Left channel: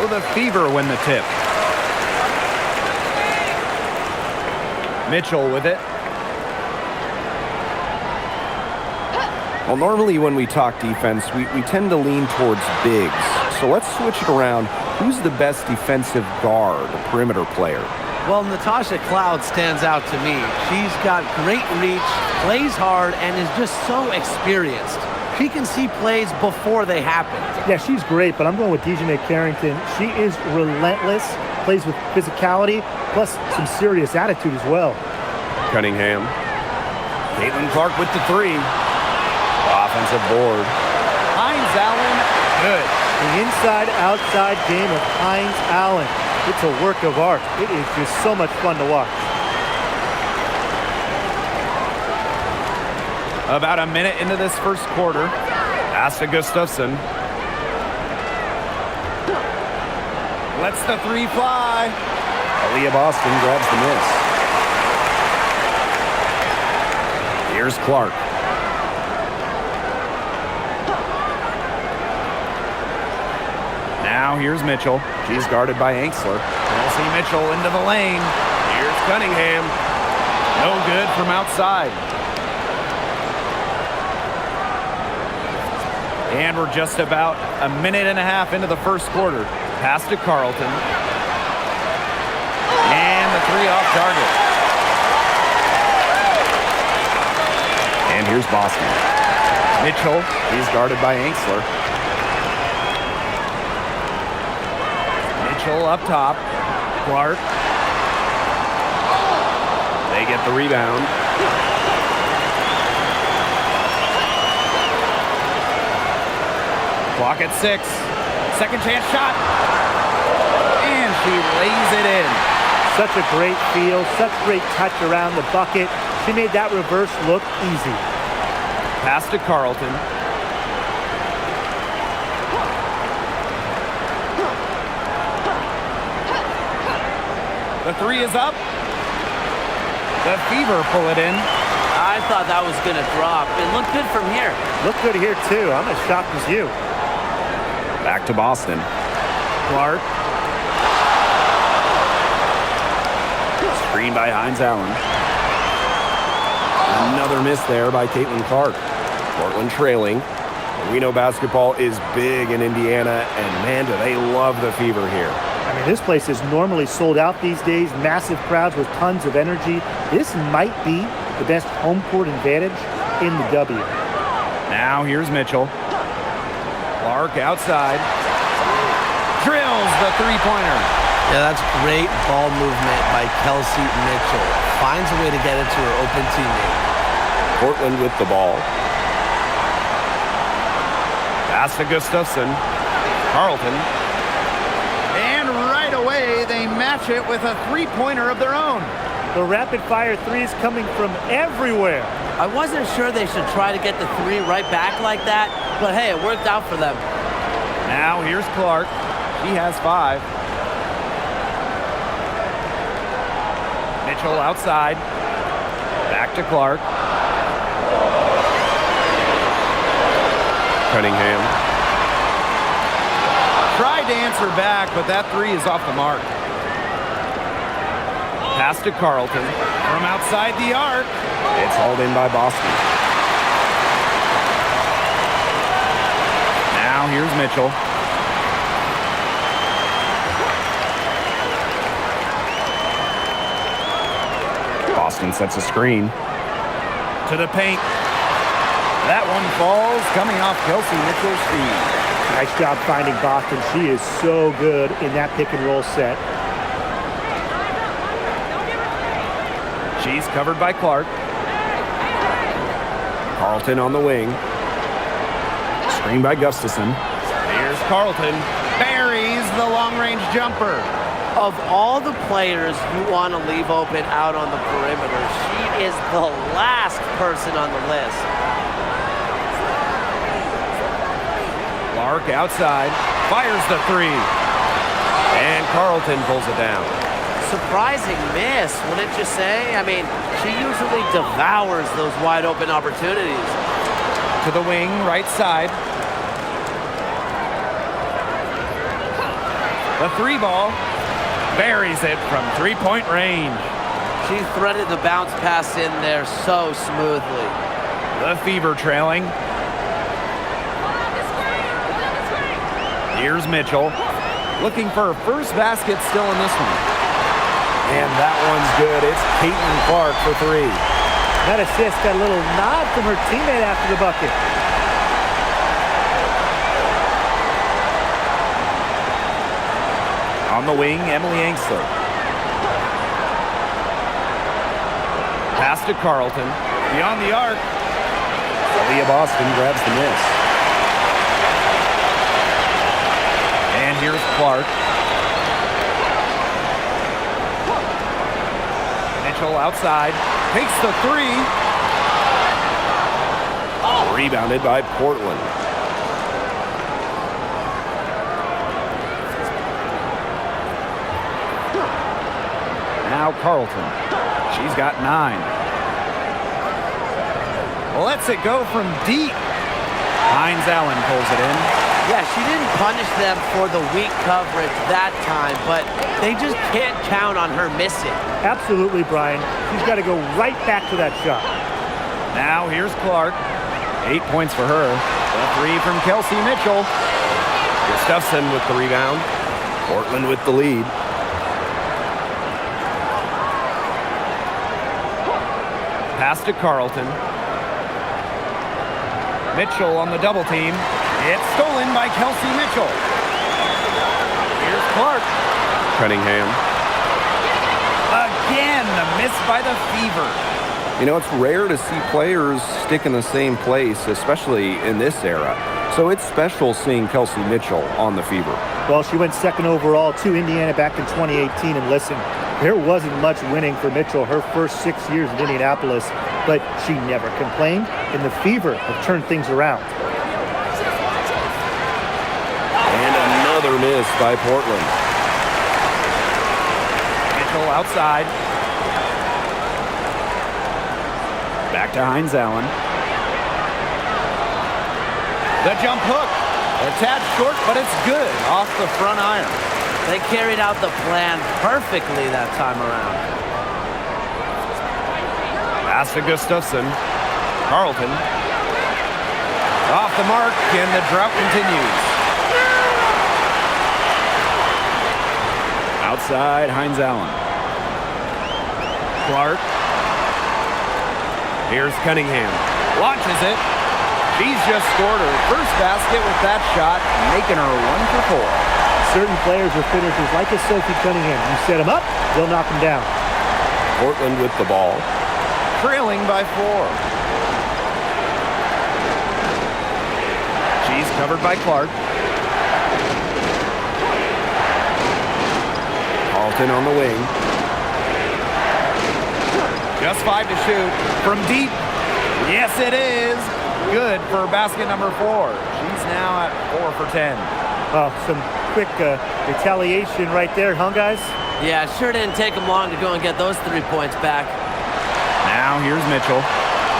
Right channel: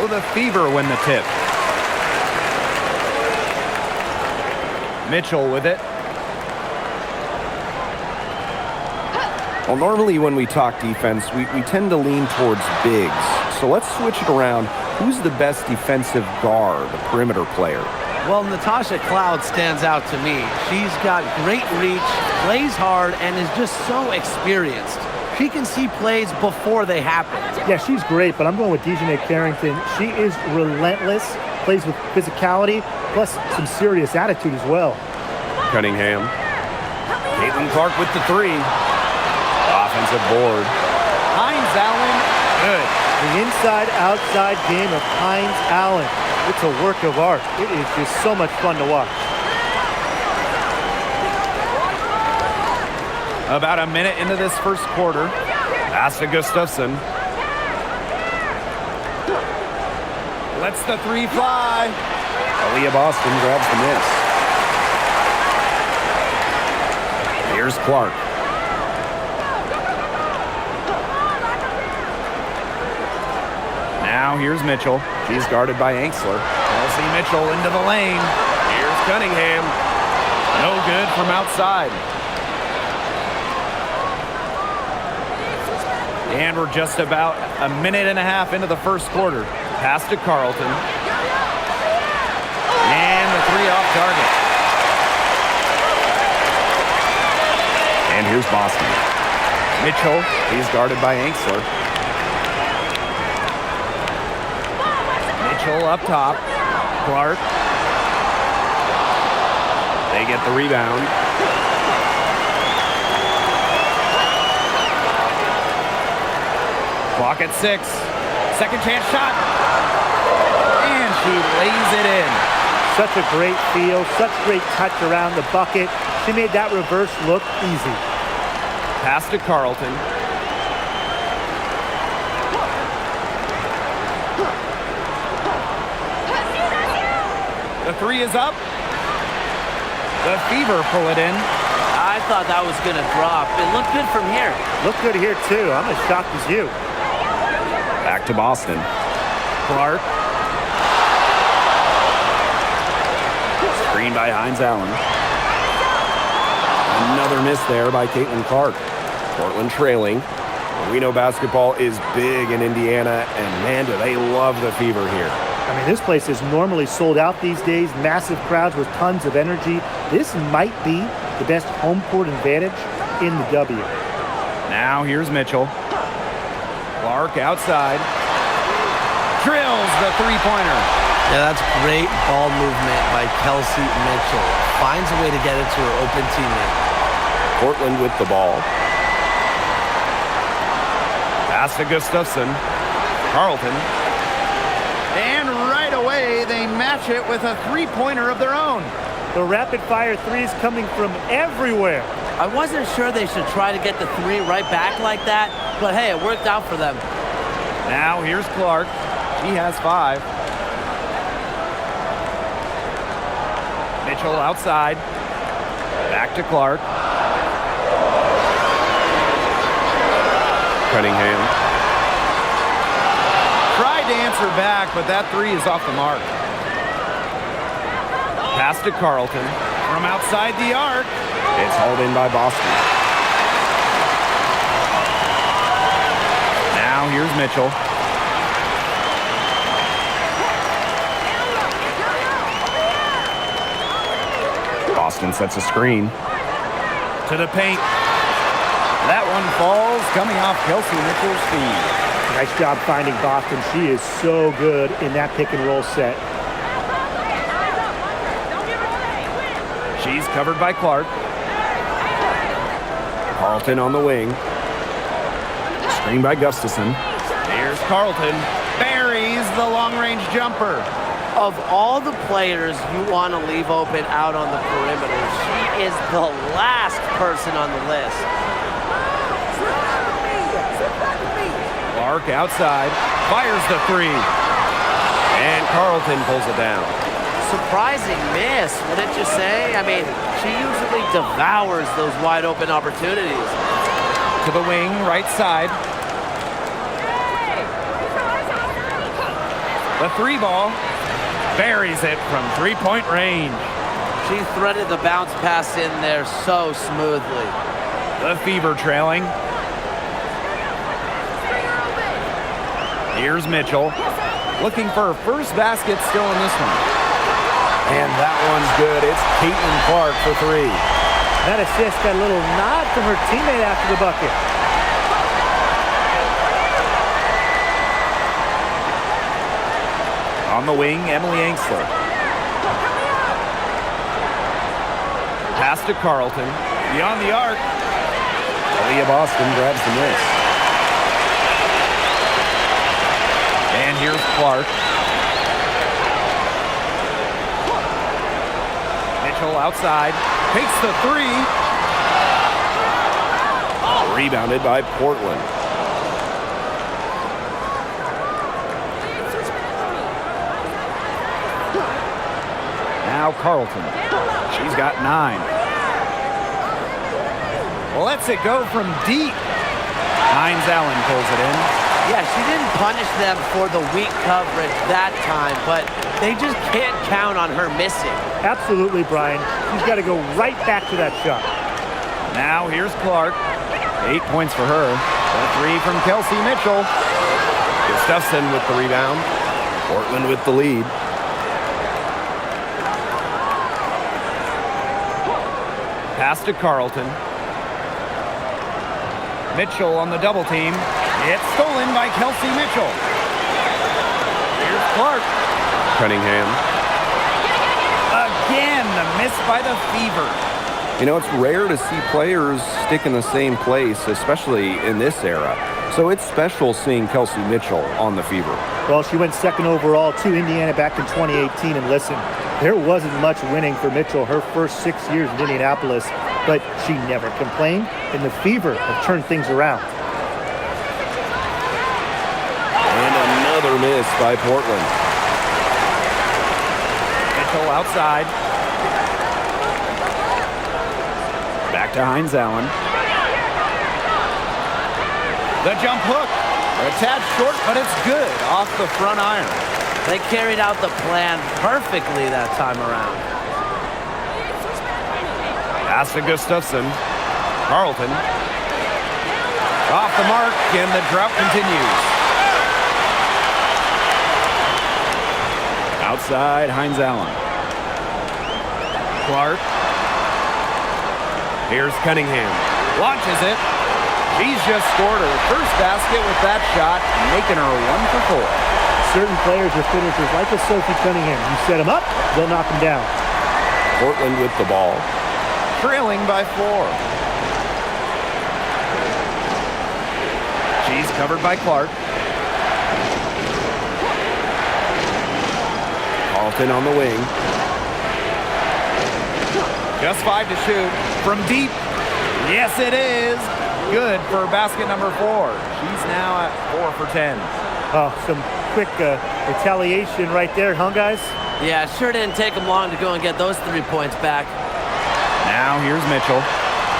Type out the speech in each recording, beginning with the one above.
So the Fever win the tip. Mitchell with it. Well, normally when we talk defense, we tend to lean towards bigs. So let's switch it around. Who's the best defensive guard, a perimeter player? Well, Natasha Cloud stands out to me. She's got great reach, plays hard, and is just so experienced. She can see plays before they happen. Yeah, she's great, but I'm going with Dejanay Carrington. She is relentless, plays with physicality, plus some serious attitude as well. Cunningham. Caitlin Clark with the three. Offensive board. Hines Allen, good. The inside-outside game of Hines Allen. It's a work of art. It is just so much fun to watch. About a minute into this first quarter. Pass to Gustafson. Lets the three fly. Aaliyah Boston grabs the miss. Here's Clark. Now here's Mitchell. She's guarded by Anxler. Kelsey Mitchell into the lane. Here's Cunningham. No good from outside. And we're just about a minute and a half into the first quarter. Pass to Carlton. And the three off target. And here's Boston. Mitchell. He's guarded by Anxler. Mitchell up top. Clark. They get the rebound. Clock at 6. Second chance shot. And she lays it in. Such a great feel, such great touch around the bucket. She made that reverse look easy. Pass to Carlton. The three is up. The Fever pull it in. I thought that was going to drop. It looked good from here. Looked good here, too. I'm as shocked as you. Back to Boston. Clark. Screen by Hines Allen. Another miss there by Caitlin Clark. Portland trailing. But we know basketball is big in Indiana, and man, do they love the Fever here. I mean, this place is normally sold out these days, massive crowds with tons of energy. This might be the best home court advantage in the W. Now here's Mitchell. Clark outside. Drills the three-pointer. Yeah, that's great ball movement by Kelsey Mitchell. Finds a way to get it to her open teammate. Portland with the ball. Pass to Gustafson. Carlton. And right away, they match it with a three-pointer of their own. The rapid-fire threes coming from everywhere. I wasn't sure they should try to get the three right back like that, but hey, it worked out for them. Now here's Clark. She has 5. Mitchell outside. Back to Clark. Cunningham. Tried to answer back, but that three is off the mark. Pass to Carlton. From outside the arc. It's hauled in by Boston. Now here's Mitchell. Boston sets a screen. To the paint. That one falls, coming off Kelsey Mitchell's feed. Nice job finding Boston. She is so good in that pick and roll set. She's covered by Clark. Carlton on the wing. Screen by Gustafson. Here's Carlton. Buries the long-range jumper. Of all the players you want to leave open out on the perimeter, she is the last person on the list. Clark outside. Fires the three. And Carlton pulls it down. Surprising miss, wouldn't you say? I mean, she usually devours those wide open opportunities. To the wing, right side. The three ball buries it from three-point range. She threaded the bounce pass in there so smoothly. The Fever trailing. Here's Mitchell, looking for her first basket still in this one. And that one's good. It's Caitlin Clark for three. That assist got a little nod from her teammate after the bucket. On the wing, Emily Angsler. Pass to Carlton. Beyond the arc. Aaliyah Boston grabs the miss. And here's Clark. Mitchell outside. Takes the three. Rebounded by Portland. Now Carlton. She's got 9. Lets it go from deep. Hines Allen pulls it in. Yeah, she didn't punish them for the weak coverage that time, but they just can't count on her missing. Absolutely, Brian. She's got to go right back to that shot. Now here's Clark. 8 points for her. The three from Kelsey Mitchell. Gustafson with the rebound. Portland with the lead. Pass to Carlton. Mitchell on the double team. It's stolen by Kelsey Mitchell. Here's Clark. Cunningham. Again, a miss by the Fever. You know, it's rare to see players stick in the same place, especially in this era. So it's special seeing Kelsey Mitchell on the Fever. Well, she went second overall to Indiana back in 2018. And listen, there wasn't much winning for Mitchell her first 6 years in Indianapolis, but she never complained, and the Fever have turned things around. And another miss by Portland. Mitchell outside. Back to Hines Allen. The jump hook. A tad short, but it's good off the front iron. They carried out the plan perfectly that time around. Pass to Gustafson. Carlton. Off the mark, and the drought continues. Outside, Hines Allen. Clark. Here's Cunningham. Launches it. She's just scored her first basket with that shot, making her 1 for 4. Certain players are finishers like a Sophie Cunningham. You set them up, they'll knock them down. Portland with the ball. Trailing by 4. She's covered by Clark. Carlton on the wing. Just 5 to shoot. From deep. Yes, it is. Good for basket number 4. She's now at 4 for 10. Oh, some quick retaliation right there, huh, guys? Yeah, it sure didn't take them long to go and get those 3 points back. Now here's Mitchell.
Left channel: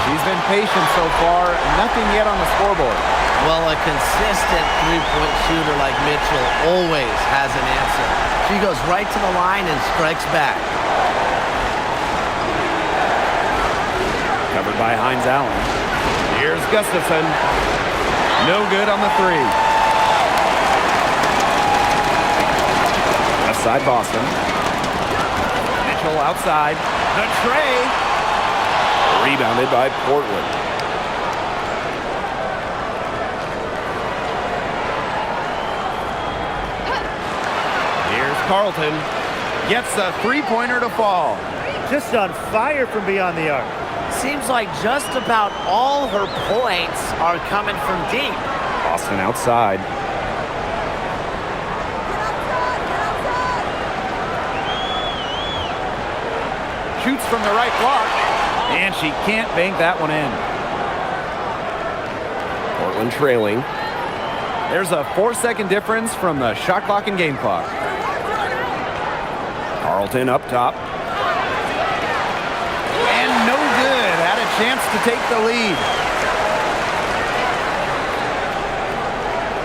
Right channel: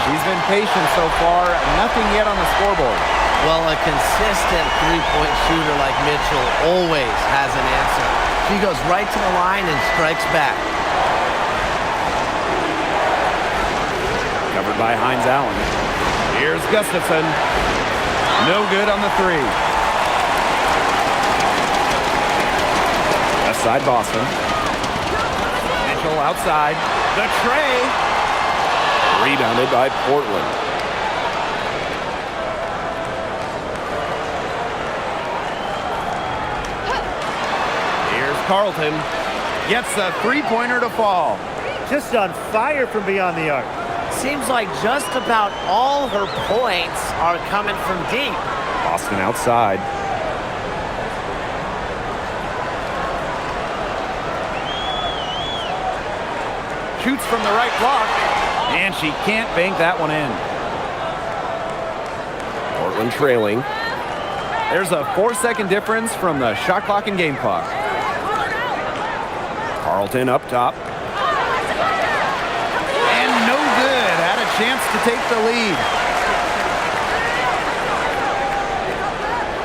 She's been patient so far. Nothing yet on the scoreboard. Well, a consistent 3-point shooter like Mitchell always has an answer. She goes right to the line and strikes back. Covered by Hines Allen. Here's Gustafson. No good on the 3. Left side Boston. Mitchell outside. The tray. Rebounded by Portland. Here's Carlton. Gets a 3-pointer to fall. Just on fire from beyond the arc. Seems like just about all her points are coming from deep. Boston outside. Shoots from the right block. And she can't bank that one in. Portland trailing. There's a 4-second difference from the shot clock and game clock. Carlton up top. And no good. Had a chance to take the lead.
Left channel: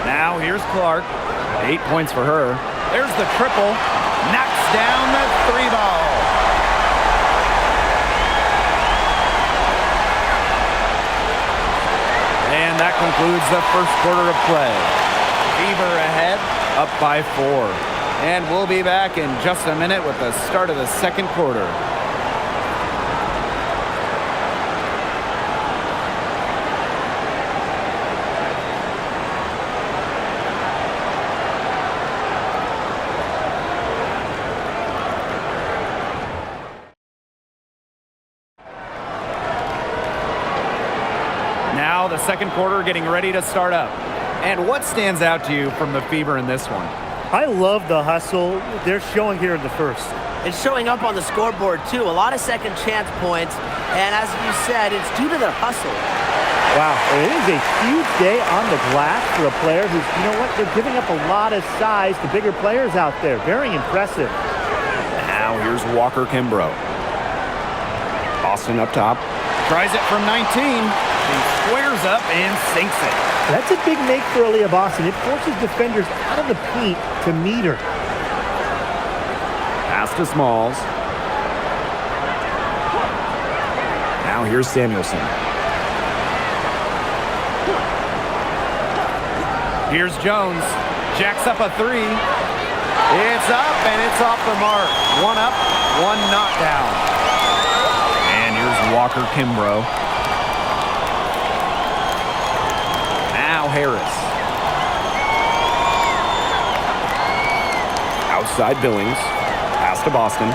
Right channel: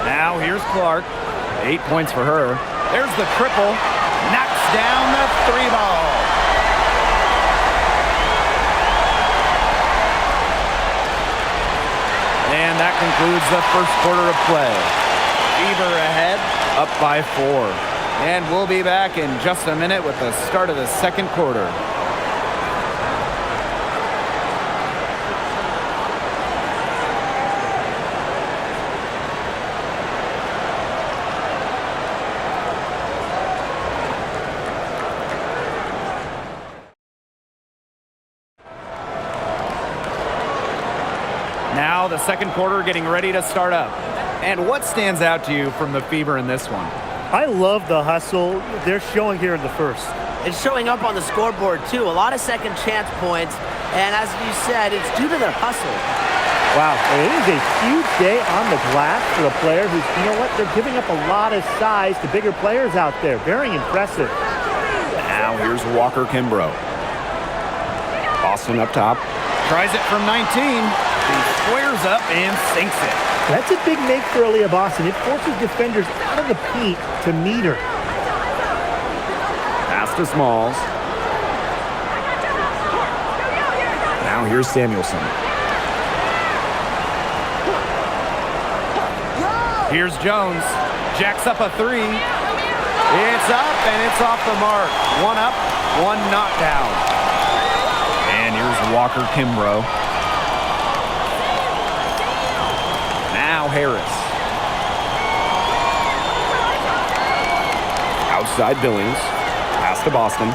Now here's Clark. 8 points for her. There's the triple. Knocks down the 3-ball. And that concludes the first quarter of play. Fever ahead, up by 4. And we'll be back in just a minute with the start of the second quarter. Now the second quarter getting ready to start up. And what stands out to you from the Fever in this one? I love the hustle they're showing here in the first. It's showing up on the scoreboard, too. A lot of second chance points. And as you said, it's due to their hustle. Wow, it is a huge day on the glass for a player who's, you know what, they're giving up a lot of size to bigger players out there. Very impressive. Now here's Walker Kimbrough. Boston up top. Tries it from 19. She squares up and sinks it. That's a big make for Aaliyah Boston. It forces defenders out of the paint to meet her. Pass to Smalls. Now here's Samuelson. Here's Jones. Jacks up a 3. It's up and it's off the mark. 1 up, 1 not down. And here's Walker Kimbrough. Now Harris. Outside Billings. Pass to Boston.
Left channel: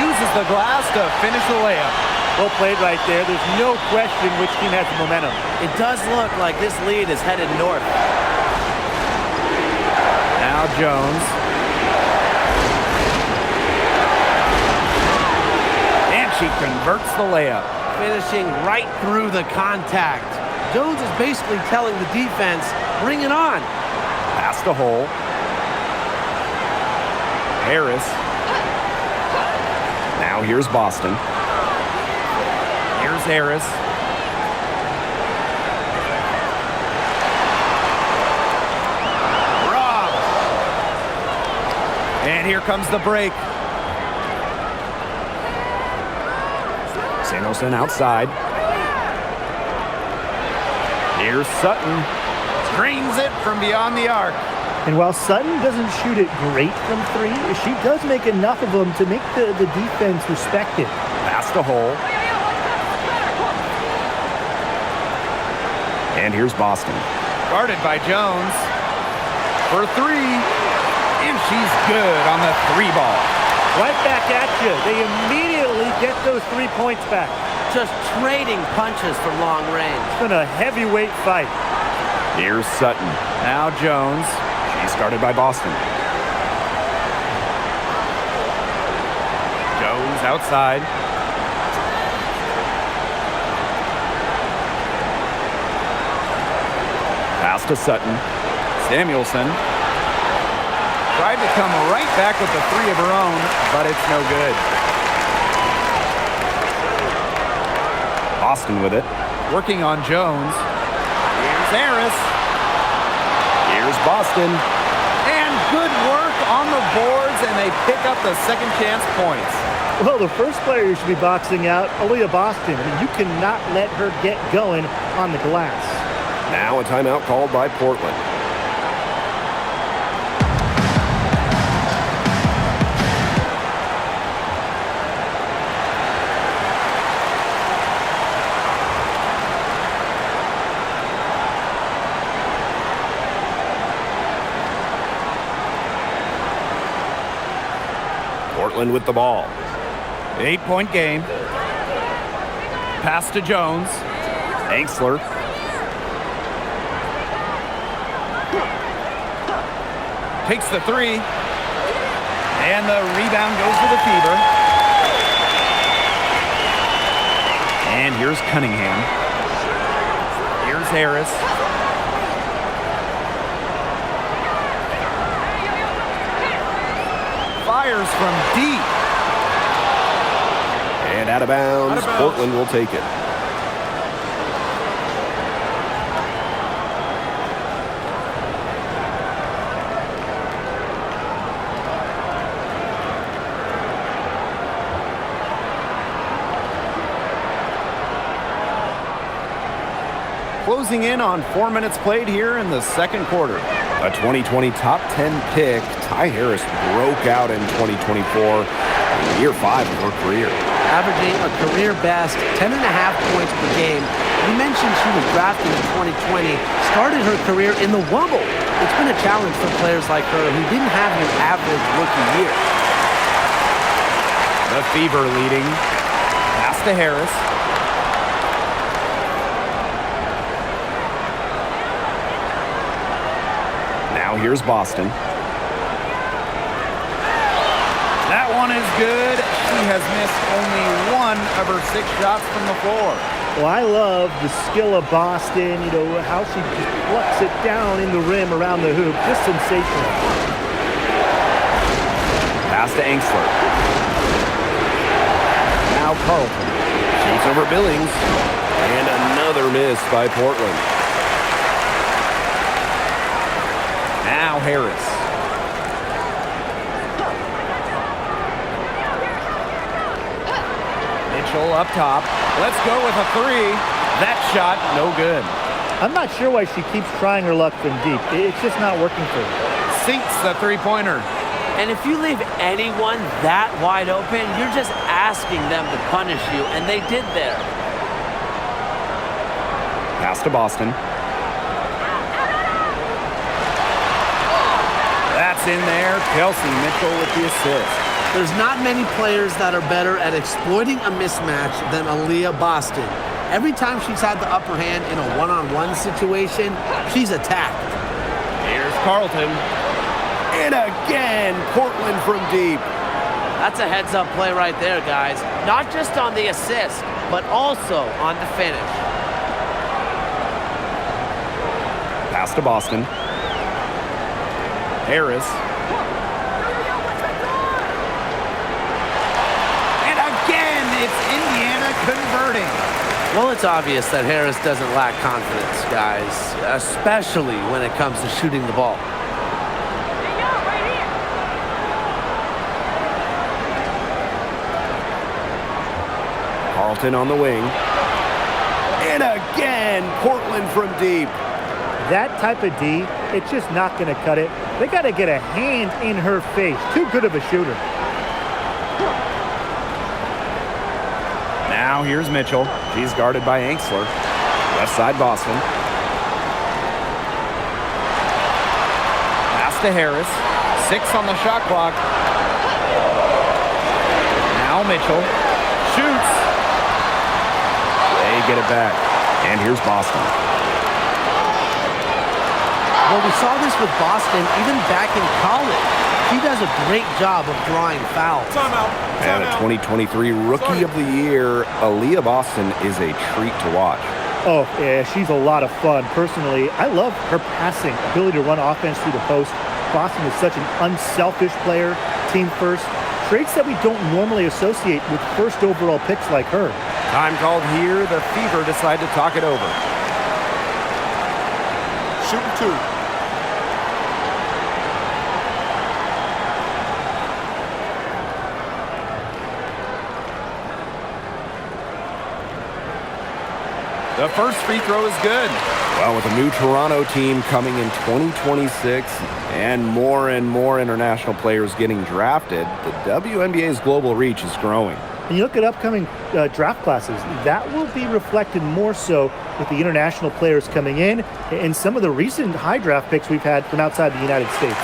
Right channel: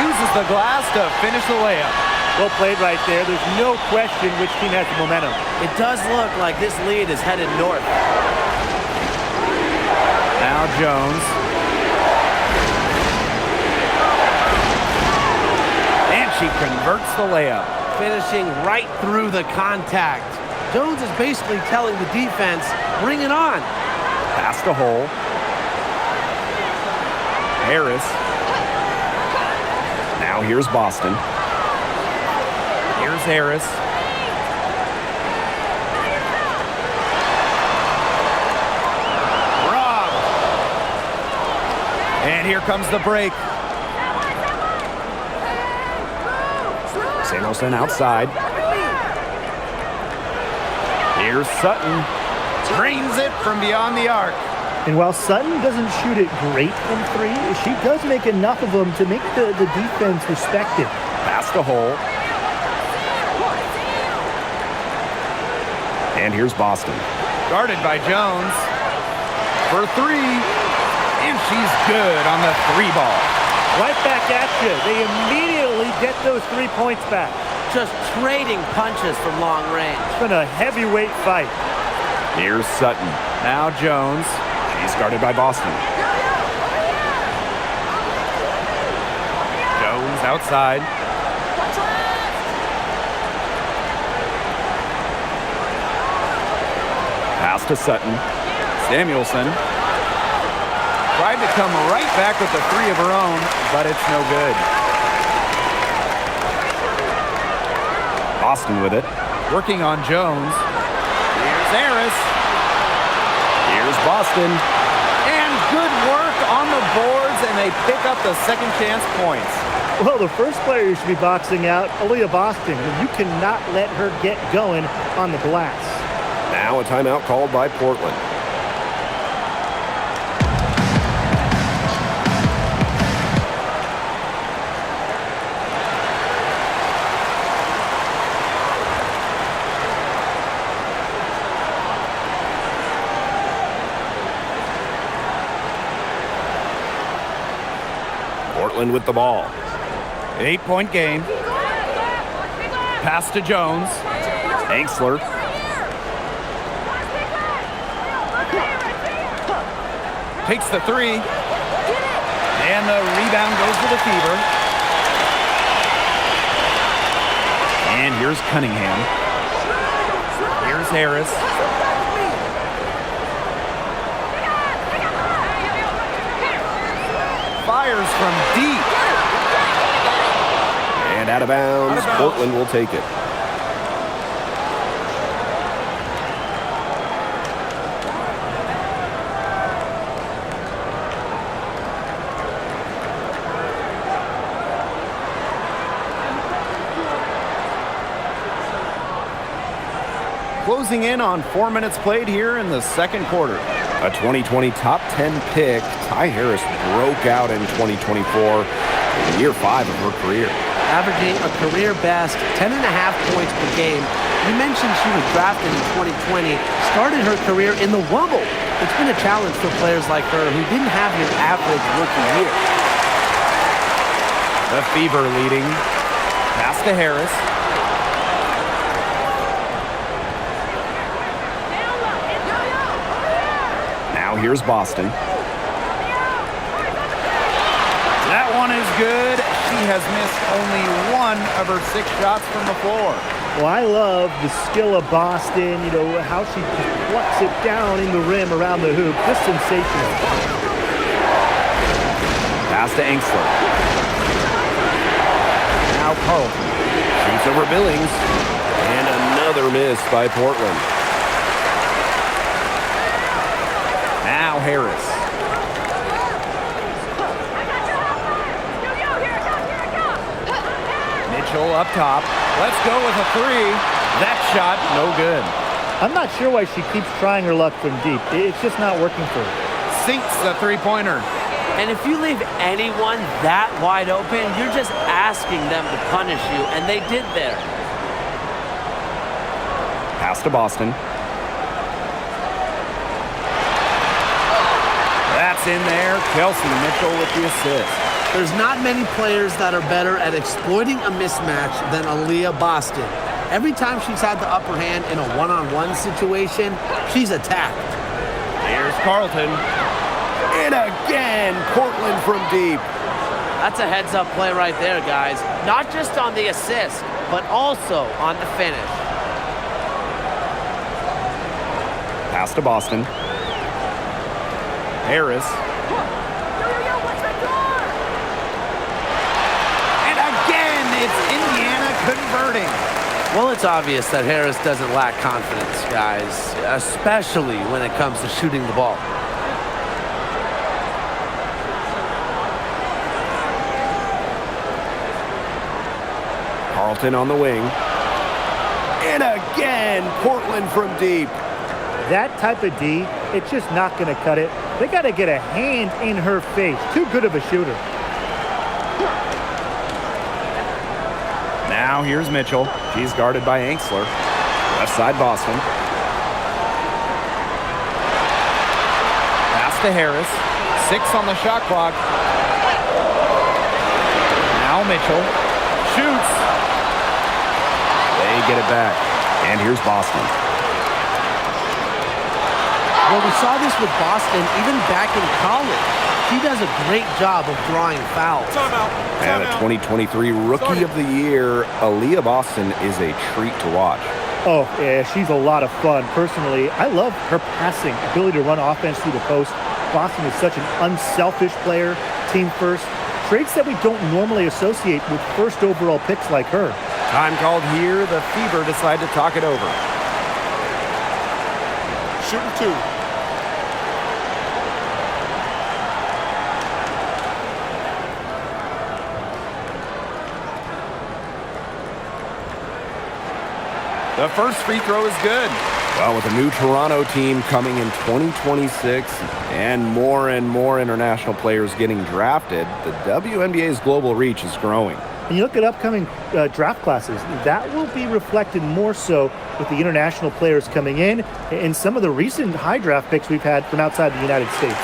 Uses the glass to finish the layup. Well played right there. There's no question which team has the momentum. It does look like this lead is headed north. Now Jones. And she converts the layup. Finishing right through the contact. Jones is basically telling the defense, bring it on. Pass to Hull. Harris. Now here's Boston. Here's Harris. Rob. And here comes the break. Samuelson outside. Here's Sutton. Drains it from beyond the arc. And while Sutton doesn't shoot it great from 3, she does make enough of them to make the defense respect it. Pass to Hull. And here's Boston. Guarded by Jones. For 3. And she's good on the 3-ball. Right back at you. They immediately get those 3 points back. Just trading punches from long range. It's been a heavyweight fight. Here's Sutton. Now Jones. She's guarded by Boston. Jones outside. Pass to Sutton. Samuelson. Tried to come right back with the 3 of her own, but it's no good. Boston with it. Working on Jones. Here's Harris. Here's Boston. And good work on the boards, and they pick up the second chance points. Well, the first player you should be boxing out, Aaliyah Boston. I mean, you cannot let her get going on the glass. Now a timeout called by Portland. Portland with the ball. 8-point game. Pass to Jones. Angsler. Takes the 3. And the rebound goes to the Fever. And here's Cunningham. Here's Harris. Fires from deep. And out of bounds. Portland will take it. Closing in on 4 minutes played here in the second quarter. A 2020 top 10 pick, Ty Harris broke out in 2024 in year 5 of her career. Averaging a career best 10.5 points per game. You mentioned she was drafted in 2020, started her career in the Wubble. It's been a challenge for players like her who didn't have your average rookie year. The Fever leading. Pass to Harris. Now here's Boston. That one is good. She has missed only 1 of her 6 shots from the floor. Well, I love the skill of Boston, you know, how she just plucks it down in the rim around the hoop. Just sensational. Pass to Angsler. Now Carlton. Shoots over Billings. And another miss by Portland. Now Harris. Mitchell up top. Let's go with a 3. That shot, no good. I'm not sure why she keeps trying her luck from deep. It's just not working for her. Sinks the three-pointer. And if you leave anyone that wide open, you're just asking them to punish you, and they did there. Pass to Boston. That's in there. Kelsey Mitchell with the assist. There's not many players that are better at exploiting a mismatch than Aaliyah Boston. Every time she's had the upper hand in a one-on-one situation, she's attacked. Here's Carlton. And again, Portland from deep. That's a heads-up play right there, guys. Not just on the assist, but also on the finish. Pass to Boston. Harris. And again, it's Indiana converting. Well, it's obvious that Harris doesn't lack confidence, guys, especially when it comes to shooting the ball. Carlton on the wing. And again, Portland from deep. That type of D, it's just not going to cut it. They got to get a hand in her face. Too good of a shooter. Now here's Mitchell. She's guarded by Angsler. Left side Boston. Pass to Harris. 6 on the shot clock. Now Mitchell. Shoots. They get it back. And here's Boston. Well, we saw this with Boston even back in college. She does a great job of drawing fouls. And a 2023 Rookie of the Year, Aaliyah Boston is a treat to watch. Oh, yeah, she's a lot of fun. Personally, I love her passing, ability to run offense through the post. Boston is such an unselfish player, team first. Traits that we don't normally associate with first overall picks like her. Time called here. The Fever decide to talk it over. Shooting 2. The first free throw is good. Well, with a new Toronto team coming in 2026 and more international players getting drafted, the WNBA's global reach is growing. And you look at upcoming draft classes, that will be reflected more so with the international players coming in and some of the recent high draft picks we've had from outside the United States.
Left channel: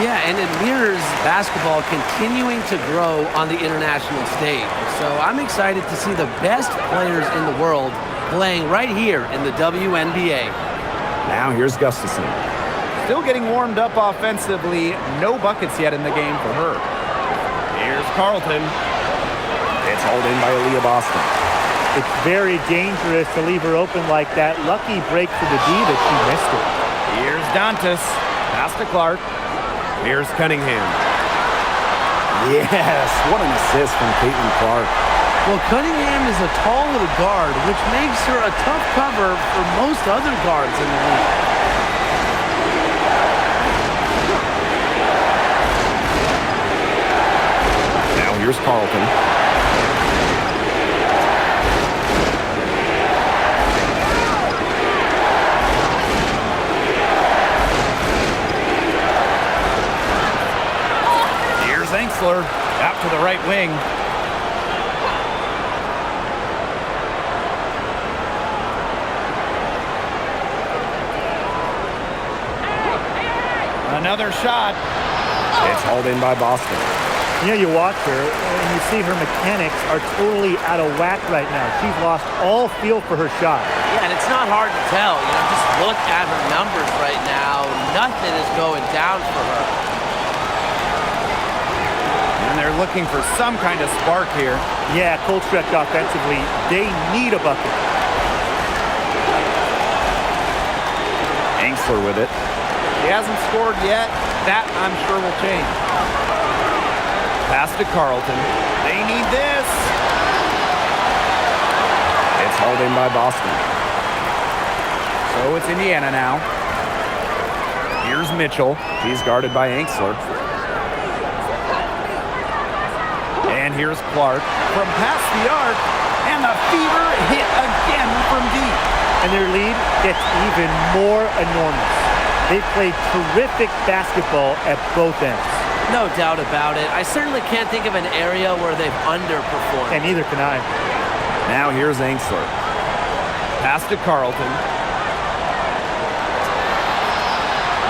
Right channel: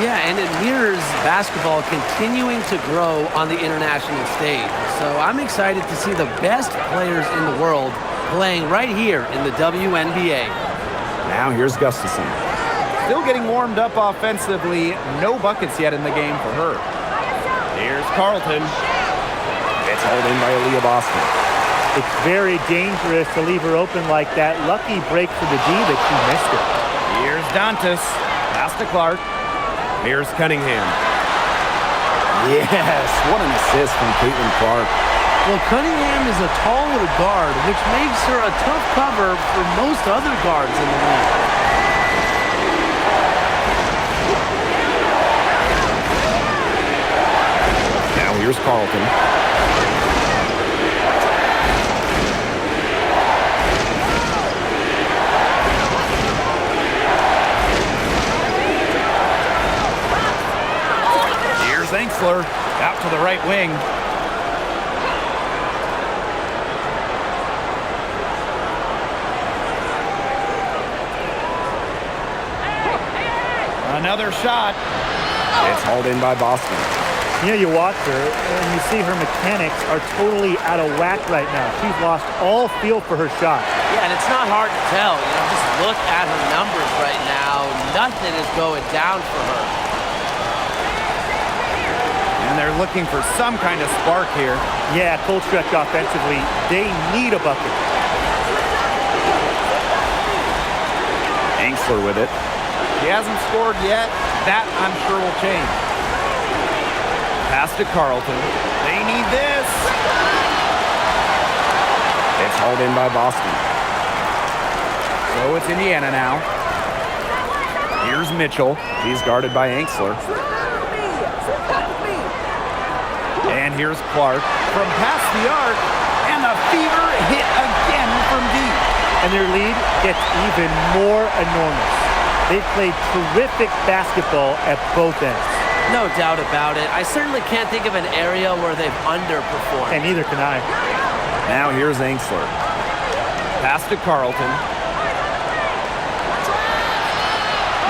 Yeah, and it mirrors basketball continuing to grow on the international stage. So I'm excited to see the best players in the world playing right here in the WNBA. Now here's Gustafson. Still getting warmed up offensively. No buckets yet in the game for her. Here's Carlton. It's hauled in by Aaliyah Boston. It's very dangerous to leave her open like that. Lucky break for the D that she missed it. Here's Dantas. Pass to Clark. Here's Cunningham. Yes, what an assist from Caitlin Clark. Well, Cunningham is a taller guard, which makes her a tough cover for most other guards in the league. Now here's Carlton. Angsler out to the right wing. Another shot. It's hauled in by Boston. You know, you watch her and you see her mechanics are totally out of whack right now. She's lost all feel for her shot. Yeah, and it's not hard to tell. You know, just look at her numbers right now. Nothing is going down for her. And they're looking for some kind of spark here. Yeah, cold stretch offensively. They need a bucket. Angsler with it. He hasn't scored yet. That, I'm sure, will change. Pass to Carlton. They need this. It's hauled in by Boston. So it's Indiana now. Here's Mitchell. He's guarded by Angsler. And here's Clark from past the arc. And the Fever hit again from deep. And their lead gets even more enormous. They've played terrific basketball at both ends. No doubt about it. I certainly can't think of an area where they've underperformed. And neither can I. Now here's Angsler. Pass to Carlton.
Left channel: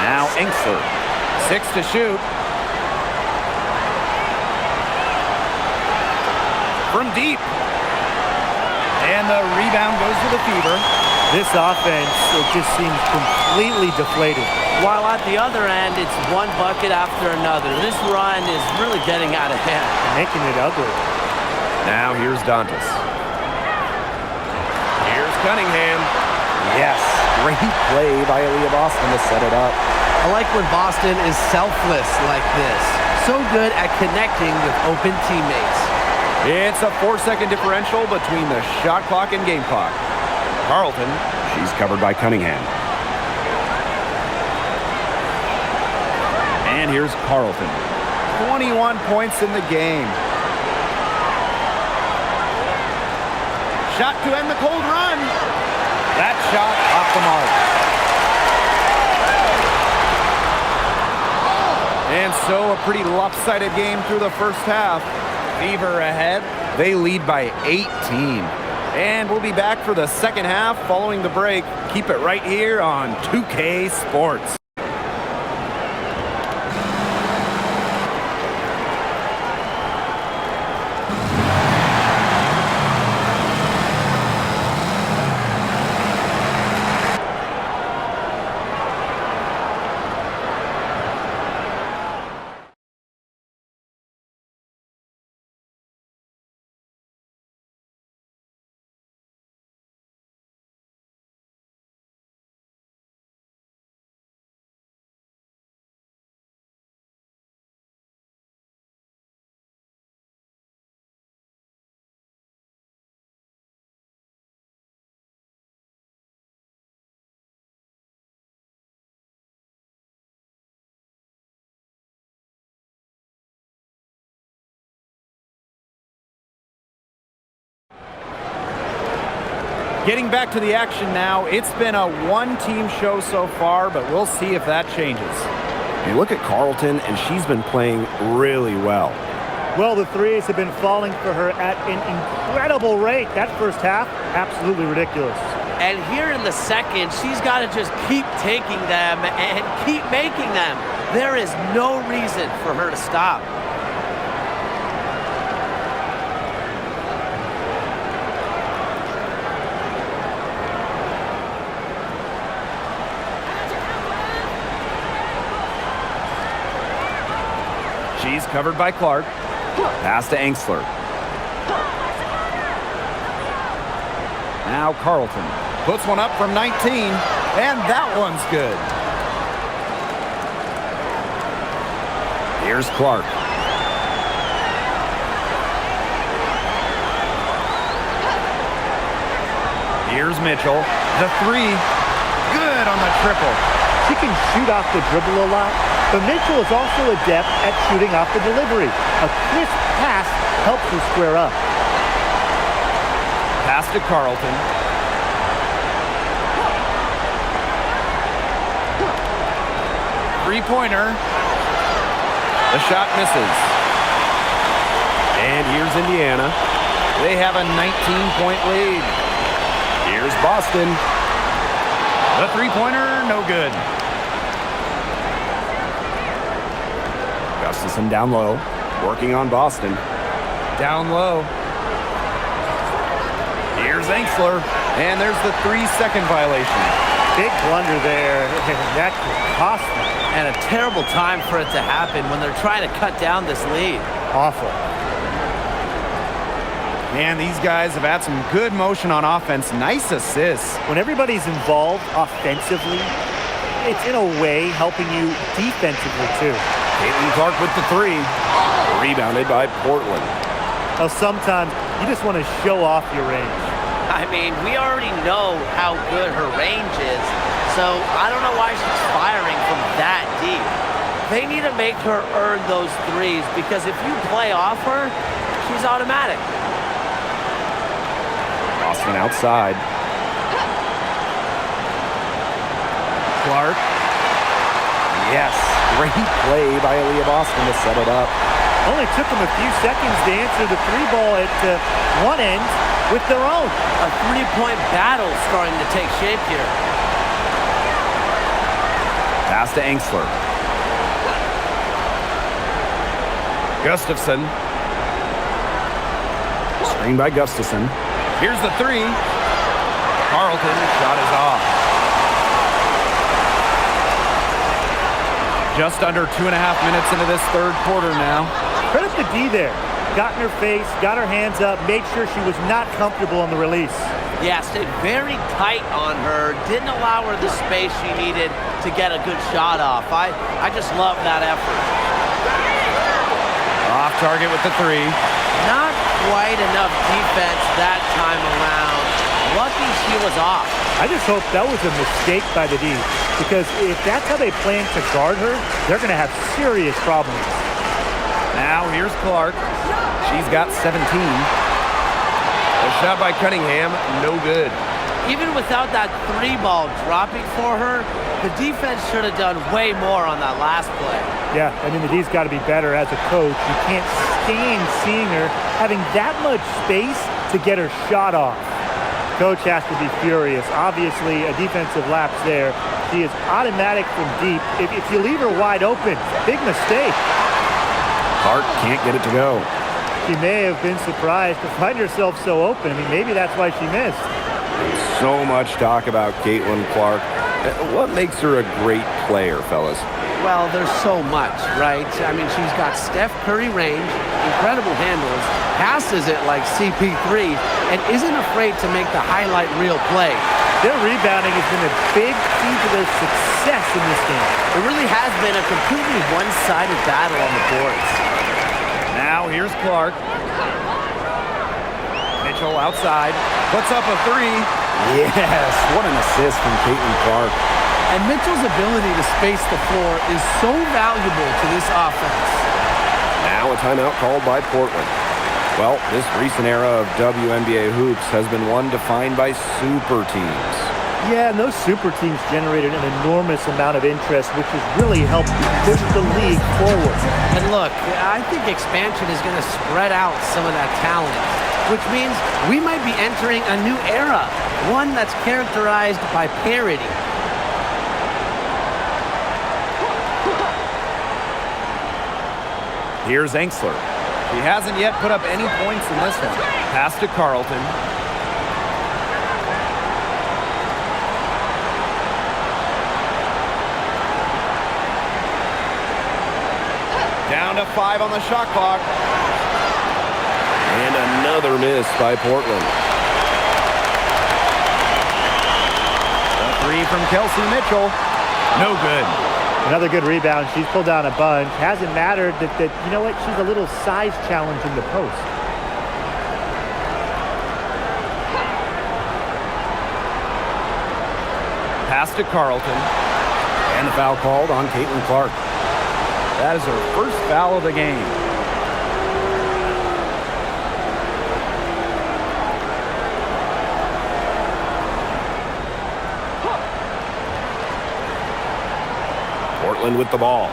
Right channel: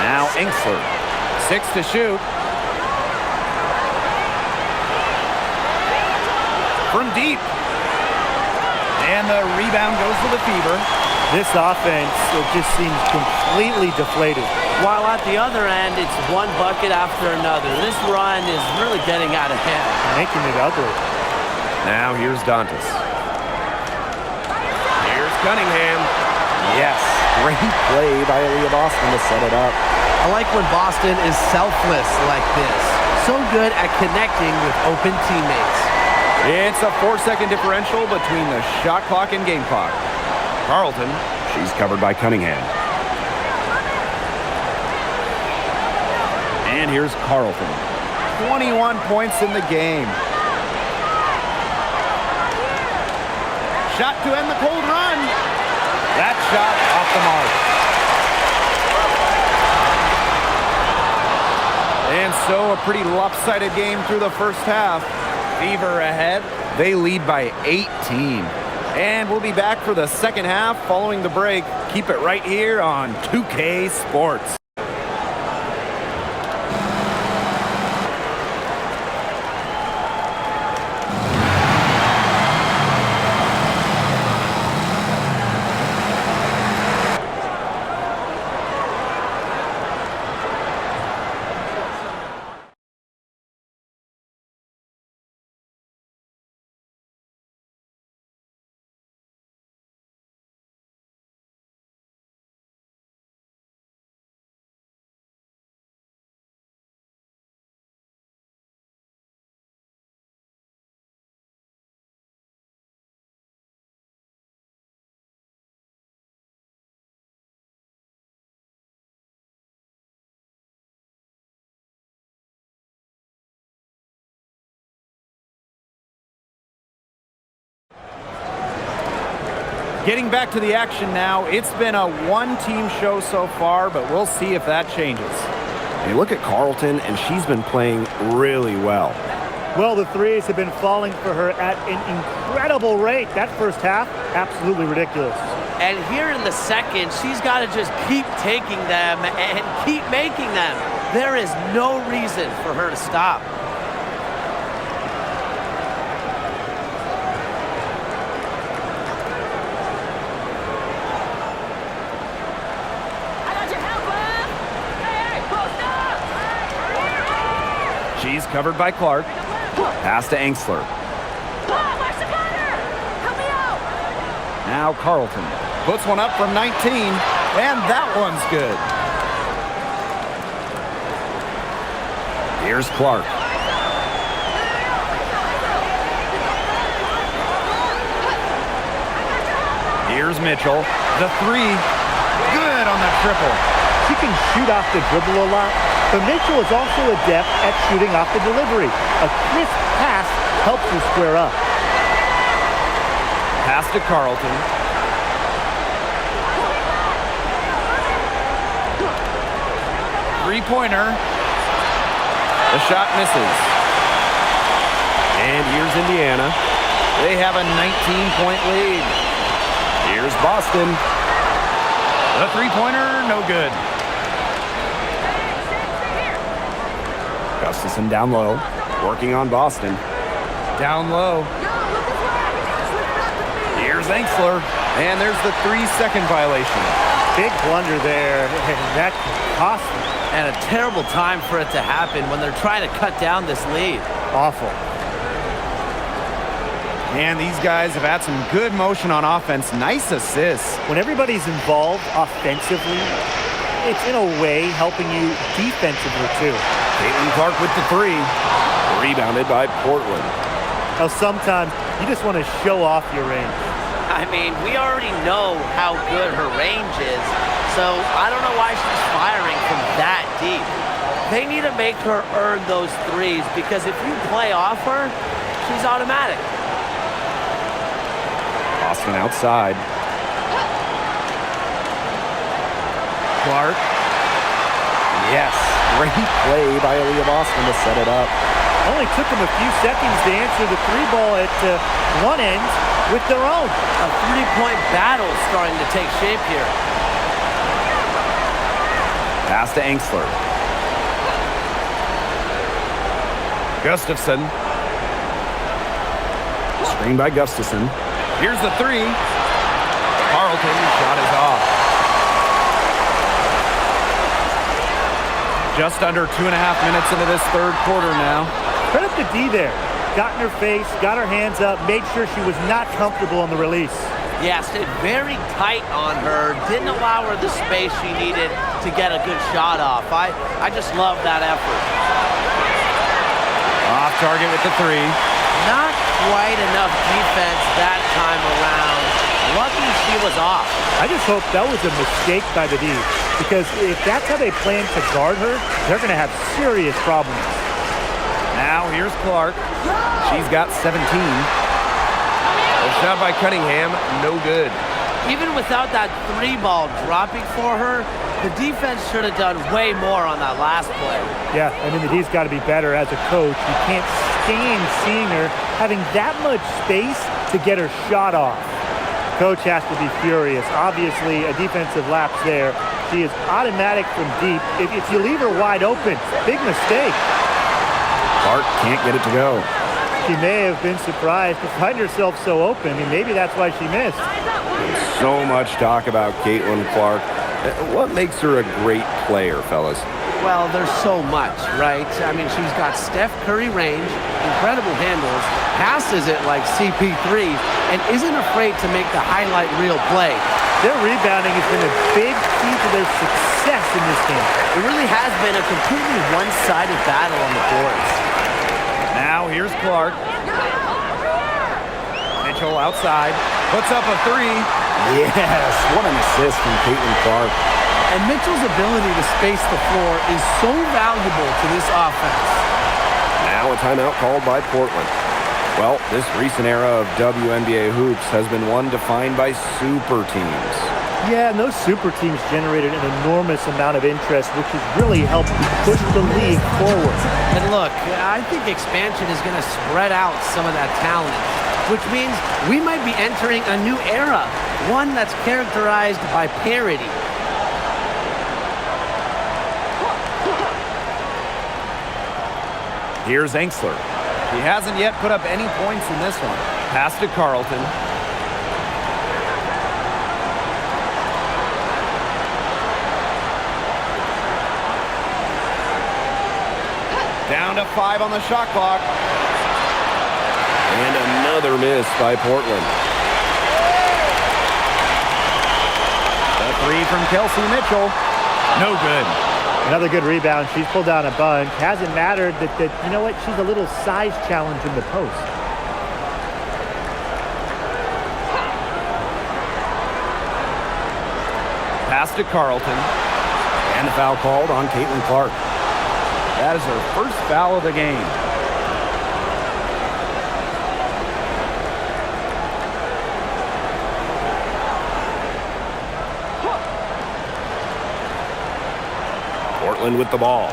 Now Angsler. 6 to shoot. From deep. And the rebound goes to the Fever. This offense, it just seems completely deflated. While at the other end, it's one bucket after another. This run is really getting out of hand. And making it ugly. Now here's Dantas. Here's Cunningham. Yes, great play by Aaliyah Boston to set it up. I like when Boston is selfless like this. So good at connecting with open teammates. It's a 4-second differential between the shot clock and game clock. Carlton. She's covered by Cunningham. And here's Carlton. 21 points in the game. Shot to end the cold run. That shot off the mark. And so a pretty lopsided game through the first half. Fever ahead. They lead by 18. And we'll be back for the second half following the break. Keep it right here on 2K Sports. Getting back to the action now. It's been a one-team show so far, but we'll see if that changes. You look at Carlton, and she's been playing really well. Well, the threes have been falling for her at an incredible rate. That first half, absolutely ridiculous. And here in the second, she's got to just keep taking them and keep making them. There is no reason for her to stop. She's covered by Clark. Pass to Angsler. Now Carlton puts one up from 19, and that one's good. Here's Clark. Here's Mitchell. The three. Good on the triple. She can shoot off the dribble a lot, but Mitchell is also adept at shooting off the delivery. A crisp pass helps her square up. Pass to Carlton. Three-pointer. The shot misses. And here's Indiana. They have a 19-point lead. Here's Boston. The three-pointer, no good. Gustafson down low, working on Boston. Down low. Here's Angsler. And there's the 3-second violation. Big blunder there, and that could cost them. And a terrible time for it to happen when they're trying to cut down this lead. Awful. And these guys have had some good motion on offense. Nice assists. When everybody's involved offensively, it's in a way helping you defensively too. Caitlin Clark with the three. Rebounded by Portland. Now sometimes you just want to show off your range. I mean, we already know how good her range is, so I don't know why she's firing from that deep. They need to make her earn those threes, because if you play off her, she's automatic. Boston outside. Clark. Yes, great play by Aaliyah Boston to set it up. Only took them a few seconds to answer the three ball at one end with their own. A three-point battle starting to take shape here. Pass to Angsler. Gustafson. Screen by Gustafson. Here's the three. Carlton shot is off. Just under 2.5 minutes into this third quarter now. Credit the D there. Got in her face, got her hands up, made sure she was not comfortable on the release. Yeah, stayed very tight on her. Didn't allow her the space she needed to get a good shot off. I just love that effort. Off target with the three. Not quite enough defense that time around. Lucky she was off. I just hope that was a mistake by the D, because if that's how they plan to guard her, they're going to have serious problems. Now here's Clark. She's got 17. A shot by Cunningham, no good. Even without that three ball dropping for her, the defense should have done way more on that last play. Yeah, I mean, the D's got to be better as a coach. You can't stand seeing her having that much space to get her shot off. Coach has to be furious. Obviously, a defensive lapse there. She is automatic from deep. If you leave her wide open, big mistake. Clark can't get it to go. She may have been surprised to find herself so open. I mean, maybe that's why she missed. So much talk about Caitlin Clark. What makes her a great player, fellas? Well, there's so much, right? I mean, she's got Steph Curry range, incredible handles, passes it like CP3, and isn't afraid to make the highlight reel play. Their rebounding has been a big key to their success in this game. It really has been a completely one-sided battle on the boards. Now here's Clark. Mitchell outside. Puts up a three. Yes, what an assist from Caitlin Clark. And Mitchell's ability to space the floor is so valuable to this offense. Now a timeout called by Portland. Well, this recent era of WNBA hoops has been one defined by super teams. Yeah, and those super teams generated an enormous amount of interest, which has really helped push the league forward. And look, I think expansion is going to spread out some of that talent, which means we might be entering a new era, one that's characterized by parity. Here's Angsler. She hasn't yet put up any points in this one. Pass to Carlton. Down to 5 on the shot clock. And another miss by Portland. The three from Kelsey Mitchell. No good. Another good rebound. She's pulled down a bunch. Hasn't mattered that you know what? She's a little size challenge in the post. Pass to Carlton. And the foul called on Caitlin Clark. That is her first foul of the game. Portland with the ball.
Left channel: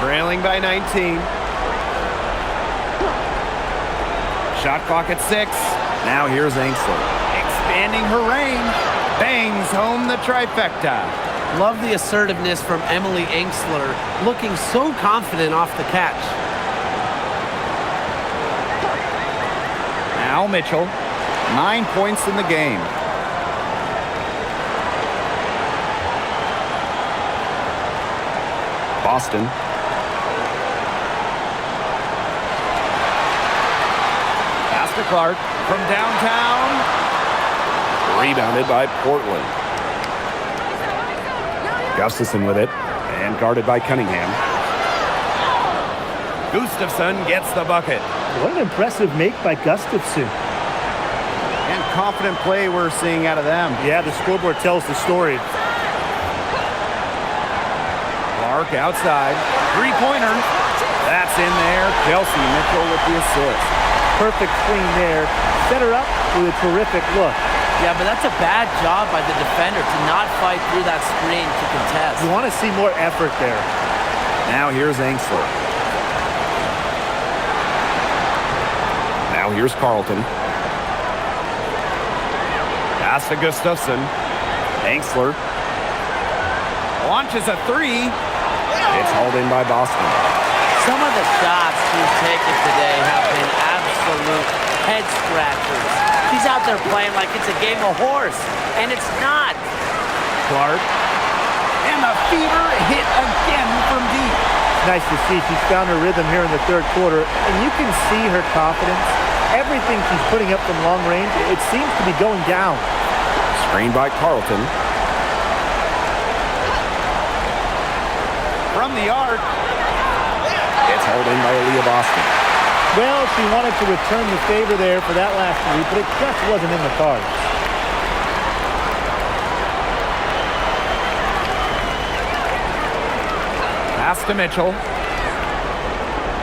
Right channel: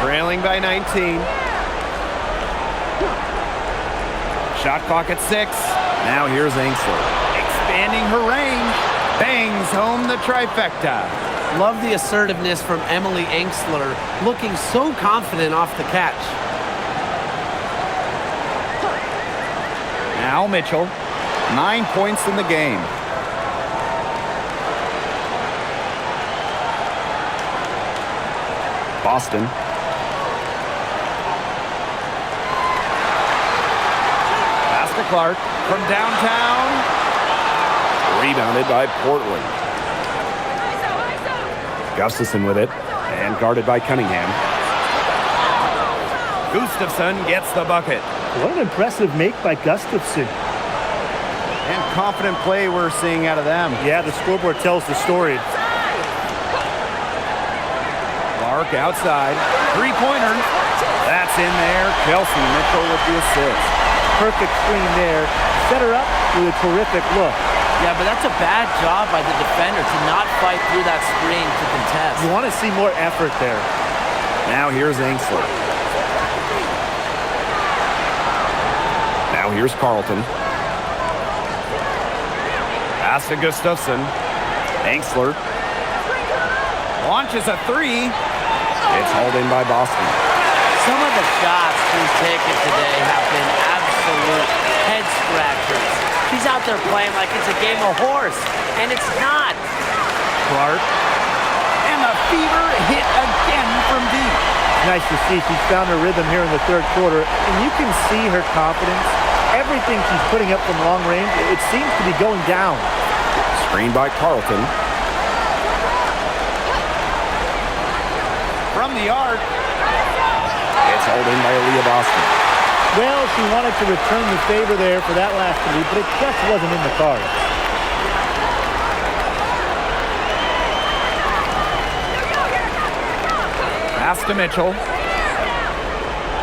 Trailing by 19. Shot clock at 6. Now here's Angsler. Expanding her range. Bangs home the trifecta. Love the assertiveness from Emily Angsler, looking so confident off the catch. Now Mitchell. 9 points in the game. Boston. Pass to Clark from downtown. Rebounded by Portland. Gustafson with it, and guarded by Cunningham. Gustafson gets the bucket. What an impressive make by Gustafson. And confident play we're seeing out of them. Yeah, the scoreboard tells the story. Clark outside. Three-pointer. That's in there. Kelsey Mitchell with the assist. Perfect screen there. Set her up with a terrific look. Yeah, but that's a bad job by the defender to not fight through that screen to contest. You want to see more effort there. Now here's Angsler. Now here's Carlton. Pass to Gustafson. Angsler. Launches a 3. It's hauled in by Boston. Some of the shots she's taken today have been absolute head scratchers. She's out there playing like it's a game of horse, and it's not. Clark. And the fever hit again from deep. It's nice to see she's found her rhythm here in the third quarter, and you can see her confidence. Everything she's putting up from long range, it seems to be going down. Screened by Carlton. From the arc. It's hauled in by Aaliyah Boston. Well, she wanted to return the favor there for that last lead, but it just wasn't in the cards. Pass to Mitchell.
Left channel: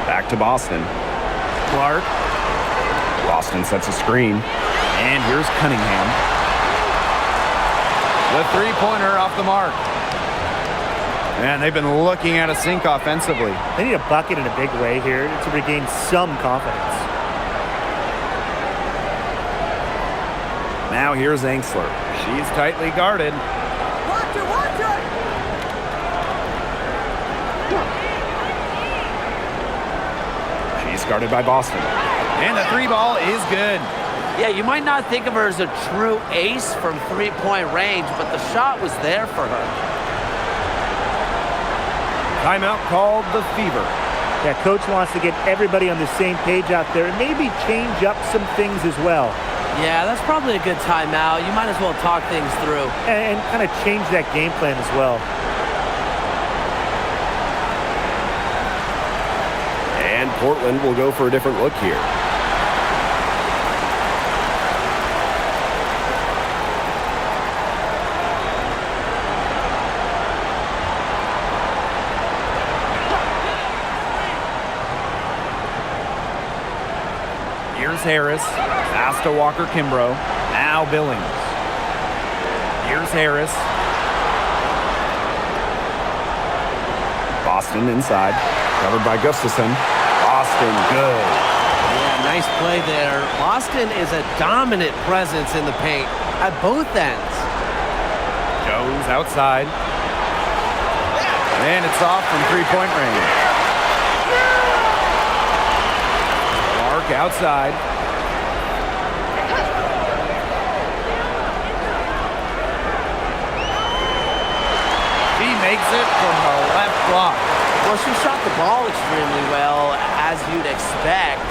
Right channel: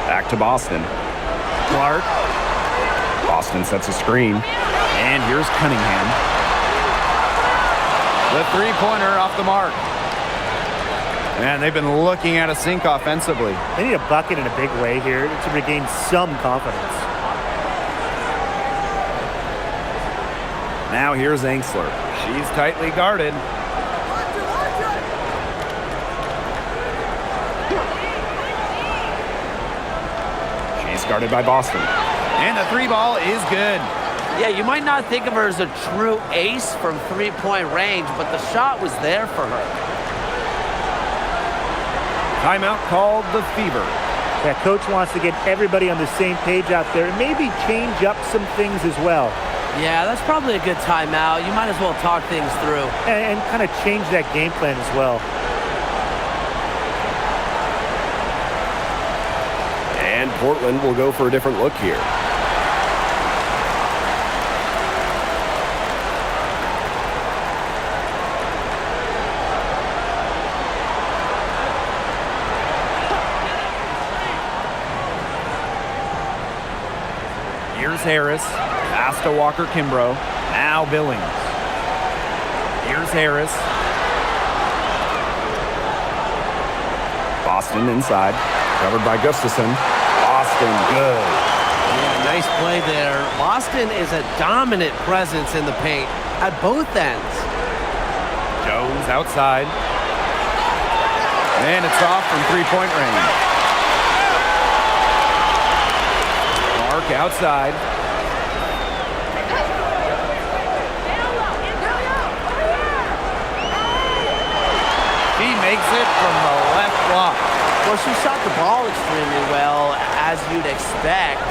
Back to Boston. Clark. Boston sets a screen. And here's Cunningham. The three-pointer off the mark. And they've been looking at a sink offensively. They need a bucket in a big way here to regain some confidence. Now here's Angsler. She's tightly guarded. She's guarded by Boston. And the three ball is good. Yeah, you might not think of her as a true ace from three-point range, but the shot was there for her. Timeout called the Fever. Yeah, coach wants to get everybody on the same page out there and maybe change up some things as well. Yeah, that's probably a good timeout. You might as well talk things through. And kind of change that game plan as well. And Portland will go for a different look here. Here's Harris. Pass to Walker Kimbrough. Now Billings. Here's Harris. Boston inside. Covered by Gustafson. Boston, good. Yeah, nice play there. Boston is a dominant presence in the paint at both ends. Jones outside. And it's off from three-point range. Clark outside. She makes it from the left block. Well, she shot the ball extremely well, as you'd expect.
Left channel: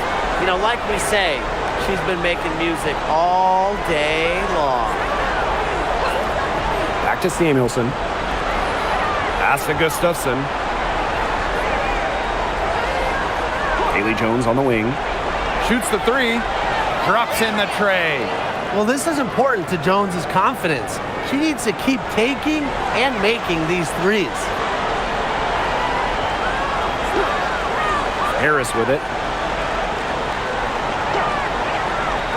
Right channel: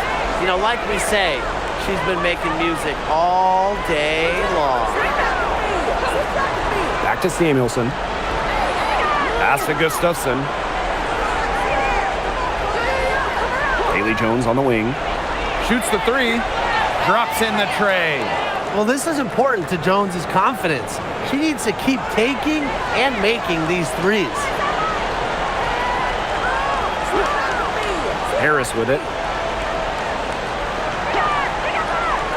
You know, like we say, she's been making music all day long. Back to Samuelson. Pass to Gustafson. Haley Jones on the wing. Shoots the three. Drops in the tray. Well, this is important to Jones's confidence. She needs to keep taking and making these threes. Harris with it.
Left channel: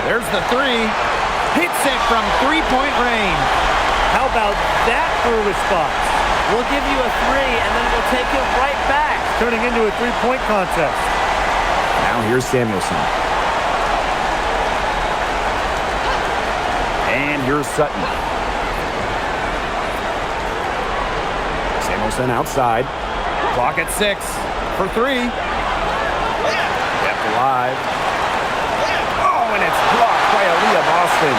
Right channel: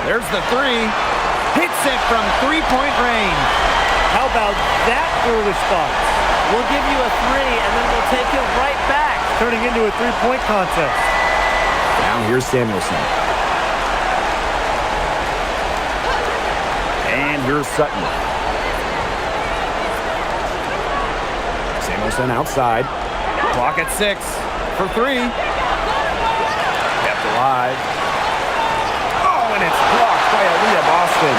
There's the three. Hits it from three-point range. How about that for a response? We'll give you a three, and then we'll take it right back. Turning into a three-point contest. Now here's Samuelson. And here's Sutton. Samuelson outside. Clock at 6 for 3. Kept alive. Oh, and it's blocked by Aaliyah Boston.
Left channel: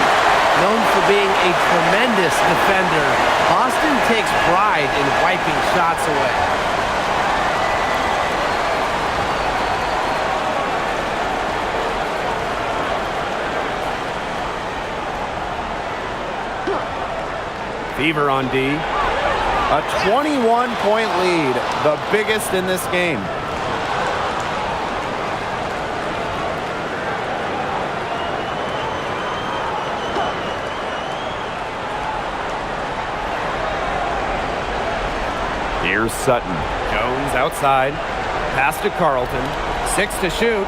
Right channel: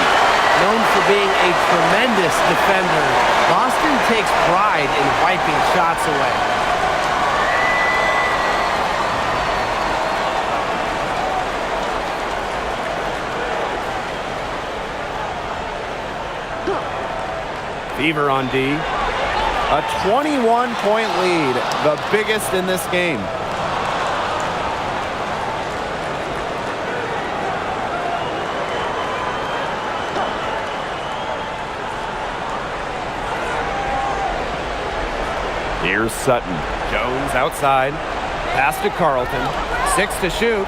Known for being a tremendous defender, Boston takes pride in wiping shots away. Fever on D. A 21-point lead, the biggest in this game. Here's Sutton. Jones outside. Pass to Carlton. 6 to shoot.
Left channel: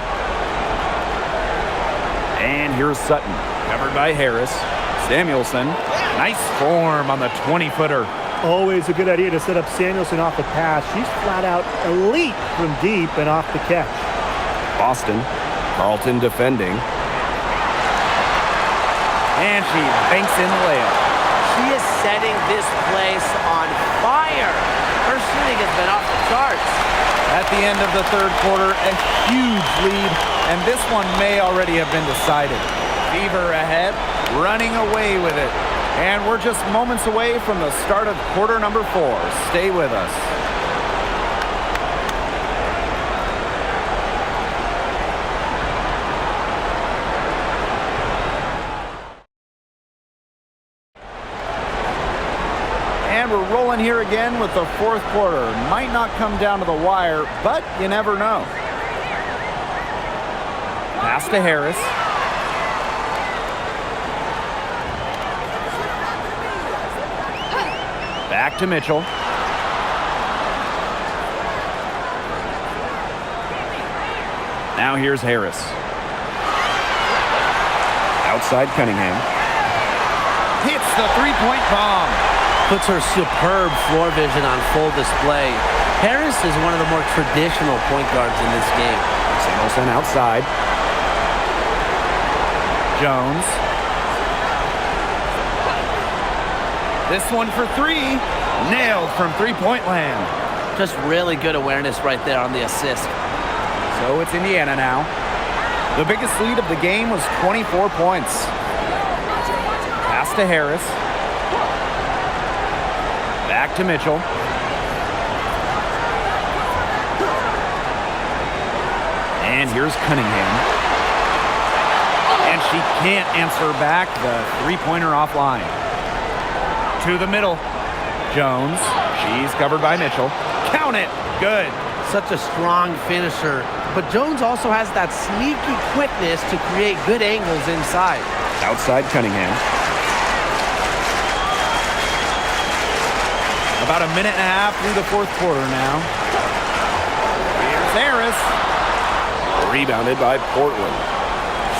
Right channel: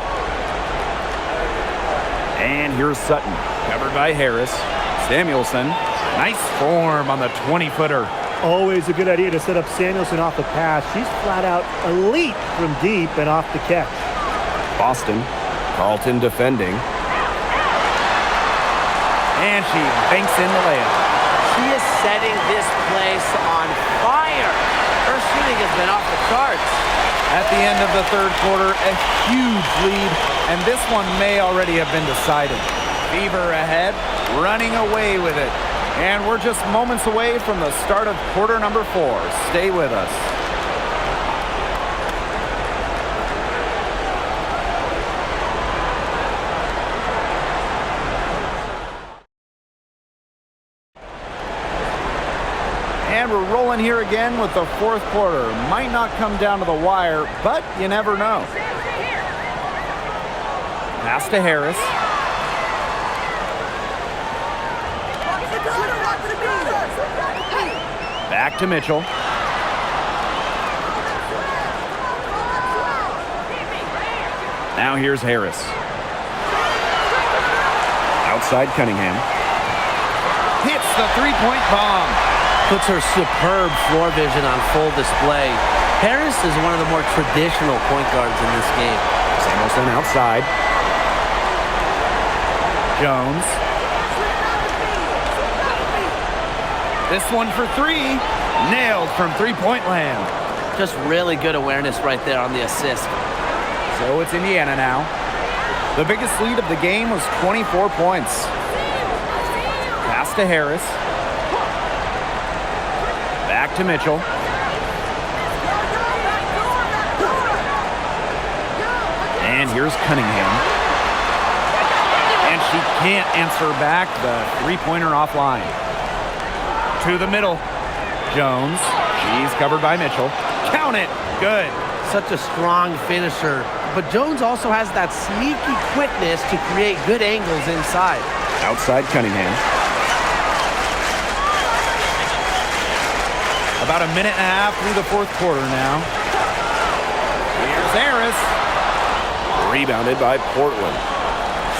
And here's Sutton. Covered by Harris. Samuelson. Nice form on the 20-footer. Always a good idea to set up Samuelson off the pass. She's flat out elite from deep and off the catch. Boston. Carlton defending. And she banks in the layup. She is setting this place on fire. Her shooting has been off the charts. At the end of the third quarter, a huge lead, and this one may already have been decided. Fever ahead, running away with it. And we're just moments away from the start of quarter number 4. Stay with us. And we're rolling here again with the fourth quarter. Might not come down to the wire, but you never know. Pass to Harris. Back to Mitchell. Now here's Harris. Outside Cunningham. Hits the three-point bomb. Puts her superb floor vision on full display. Harris is one of the more traditional point guards in this game. Samuelson outside. Jones. This one for 3. Nailed from three-point land. Just really good awareness right there on the assist. So it's Indiana now. The biggest lead of the game was 24 points. Pass to Harris. Back to Mitchell. And here's Cunningham. And she can't answer back the three-pointer offline. To the middle. Jones. She's covered by Mitchell. Count it. Good. Such a strong finisher. But Jones also has that sneaky quickness to create good angles inside. Outside Cunningham. About a minute and a half through the fourth quarter now. Here's Harris. Rebounded by Portland.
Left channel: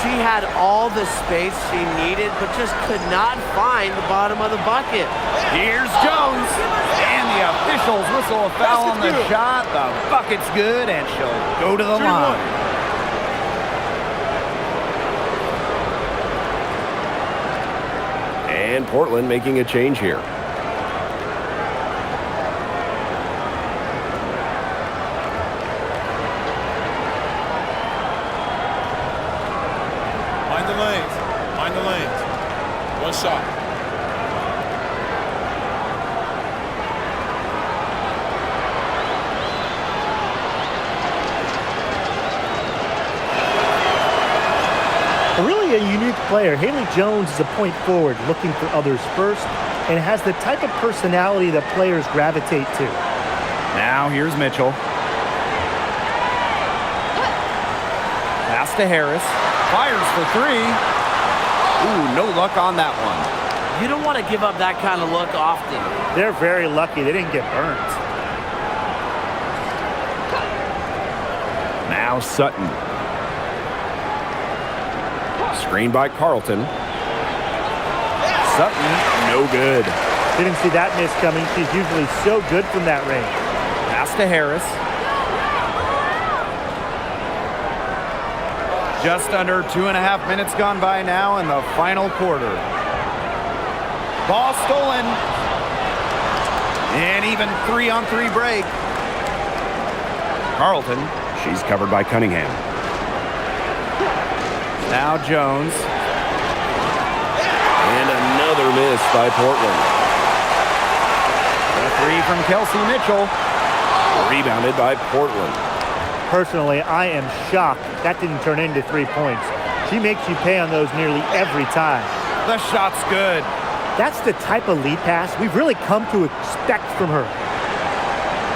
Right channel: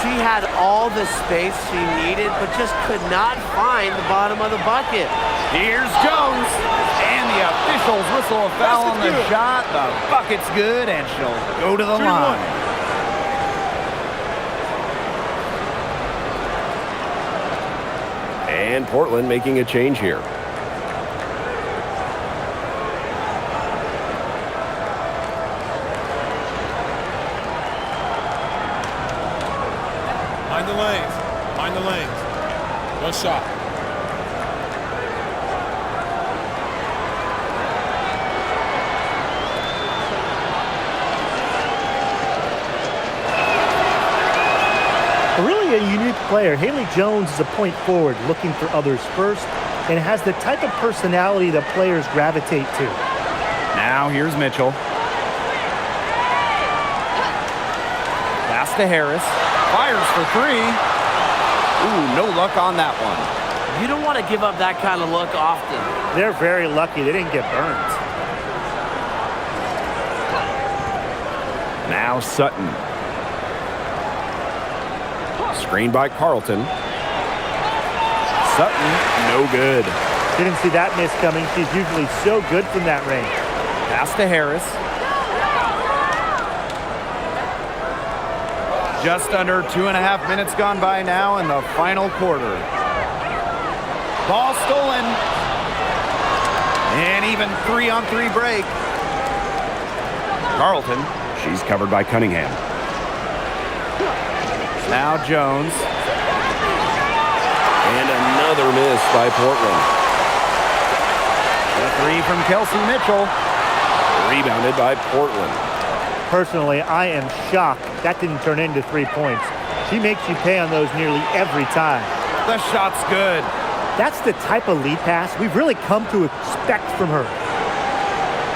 She had all the space she needed, but just could not find the bottom of the bucket. Here's Jones. And the officials whistle a foul on the shot. The bucket's good, and she'll go to the line. And Portland making a change here. Mind the lanes. Mind the lanes. One shot. Really a unique player. Haley Jones is a point forward looking for others first and has the type of personality that players gravitate to. Now here's Mitchell. Pass to Harris. Fires for 3. Ooh, no luck on that one. You don't want to give up that kind of look often. They're very lucky they didn't get burned. Now Sutton. Screened by Carlton. Sutton, no good. Didn't see that miss coming. She's usually so good from that range. Pass to Harris. Just under 2.5 minutes gone by now in the final quarter. Ball stolen. And even 3-on-3 break. Carlton. She's covered by Cunningham. Now Jones. And another miss by Portland. The three from Kelsey Mitchell. Rebounded by Portland. Personally, I am shocked that didn't turn into 3 points. She makes you pay on those nearly every time. The shot's good. That's the type of lead pass we've really come to expect from her.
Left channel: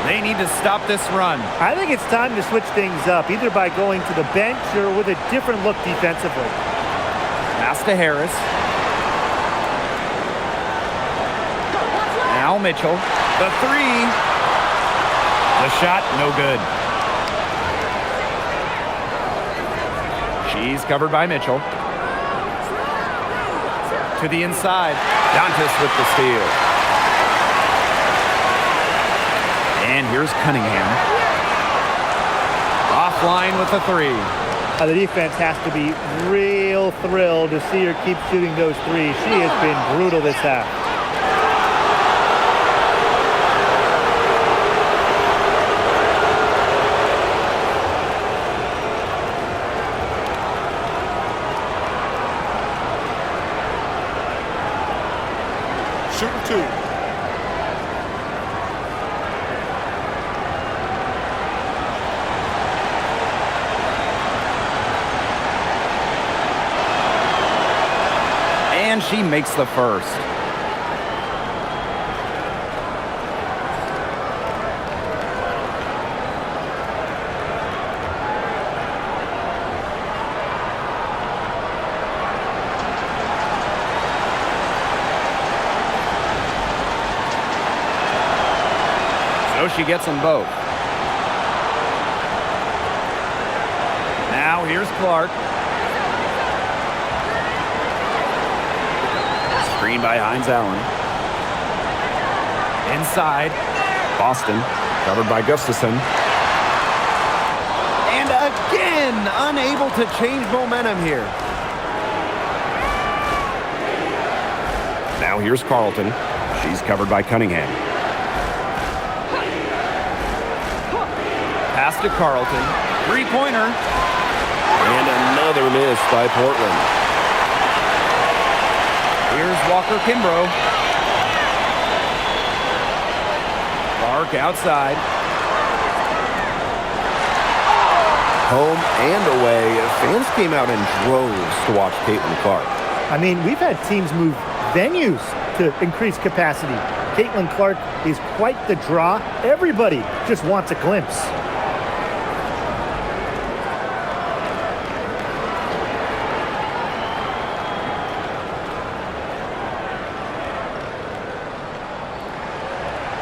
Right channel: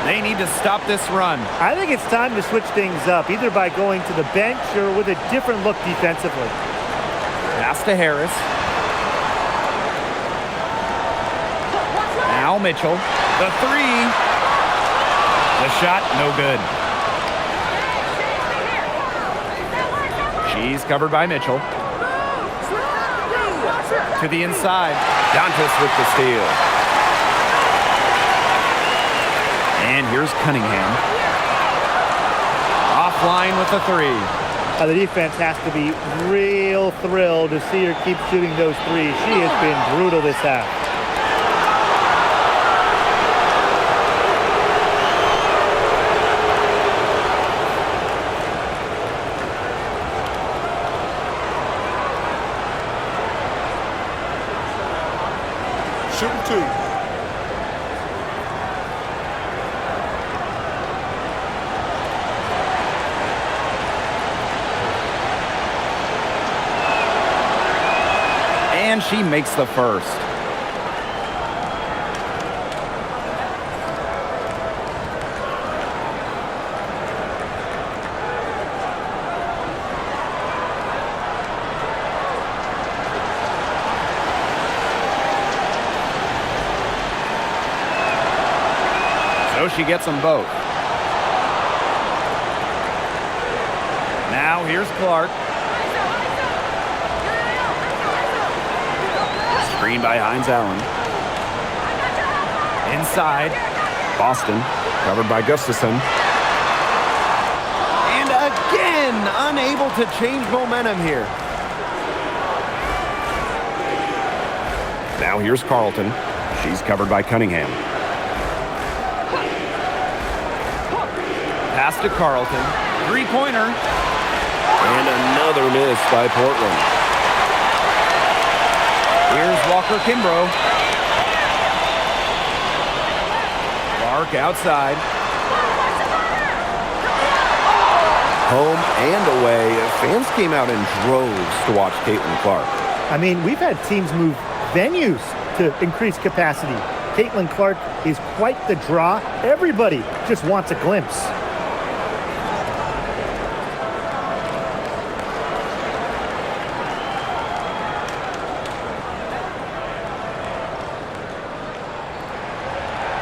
They need to stop this run. I think it's time to switch things up, either by going to the bench or with a different look defensively. Pass to Harris. Now Mitchell. The three. The shot, no good. She's covered by Mitchell. To the inside. Dantas with the steal. And here's Cunningham. Offline with the three. The defense has to be real thrilled to see her keep shooting those threes. She has been brutal this half. Shooting two. And she makes the first. So she gets them both. Now here's Clark. Screen by Hines Allen. Inside. Boston covered by Gustafson. And again, unable to change momentum here. Now here's Carlton. She's covered by Cunningham. Pass to Carlton. Three-pointer. And another miss by Portland. Here's Walker Kimbrough. Clark outside. Home and away, fans came out in droves to watch Caitlin Clark. I mean, we've had teams move venues to increase capacity. Caitlin Clark is quite the draw. Everybody just wants a glimpse.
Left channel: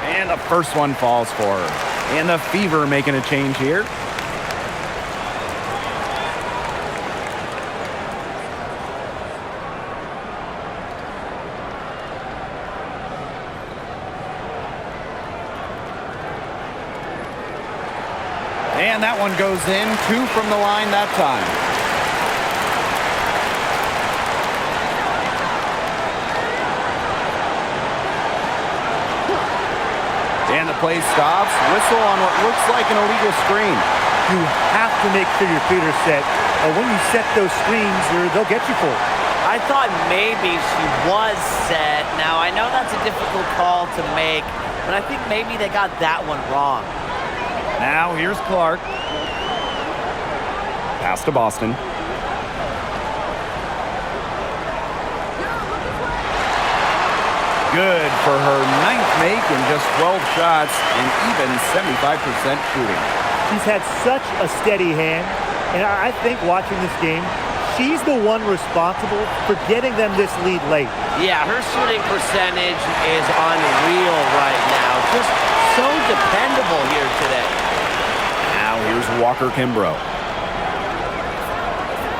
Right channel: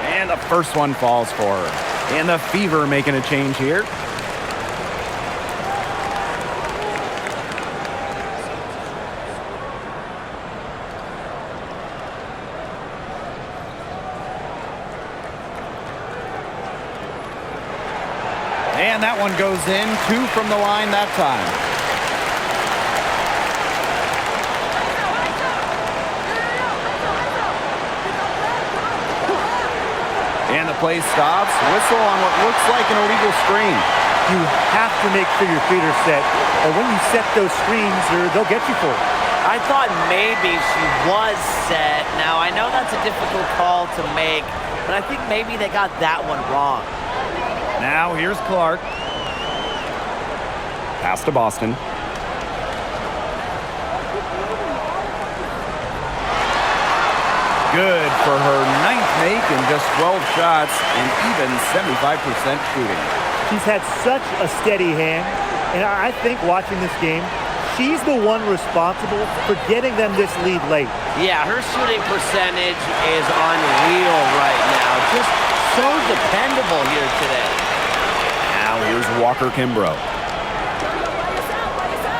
And the first one falls for her. And the Fever making a change here. And that one goes in. 2 from the line that time. And the play stops. Whistle on what looks like an illegal screen. You have to make sure your feet are set, or when you set those screens, or they'll get you for it. I thought maybe she was set. Now, I know that's a difficult call to make, but I think maybe they got that one wrong. Now here's Clark. Pass to Boston. Good for her 9th make in just 12 shots and even 75% shooting. She's had such a steady hand, and I think watching this game, she's the one responsible for getting them this lead late. Yeah, her shooting percentage is unreal right now. Just so dependable here today. Now here's Walker Kimbrough.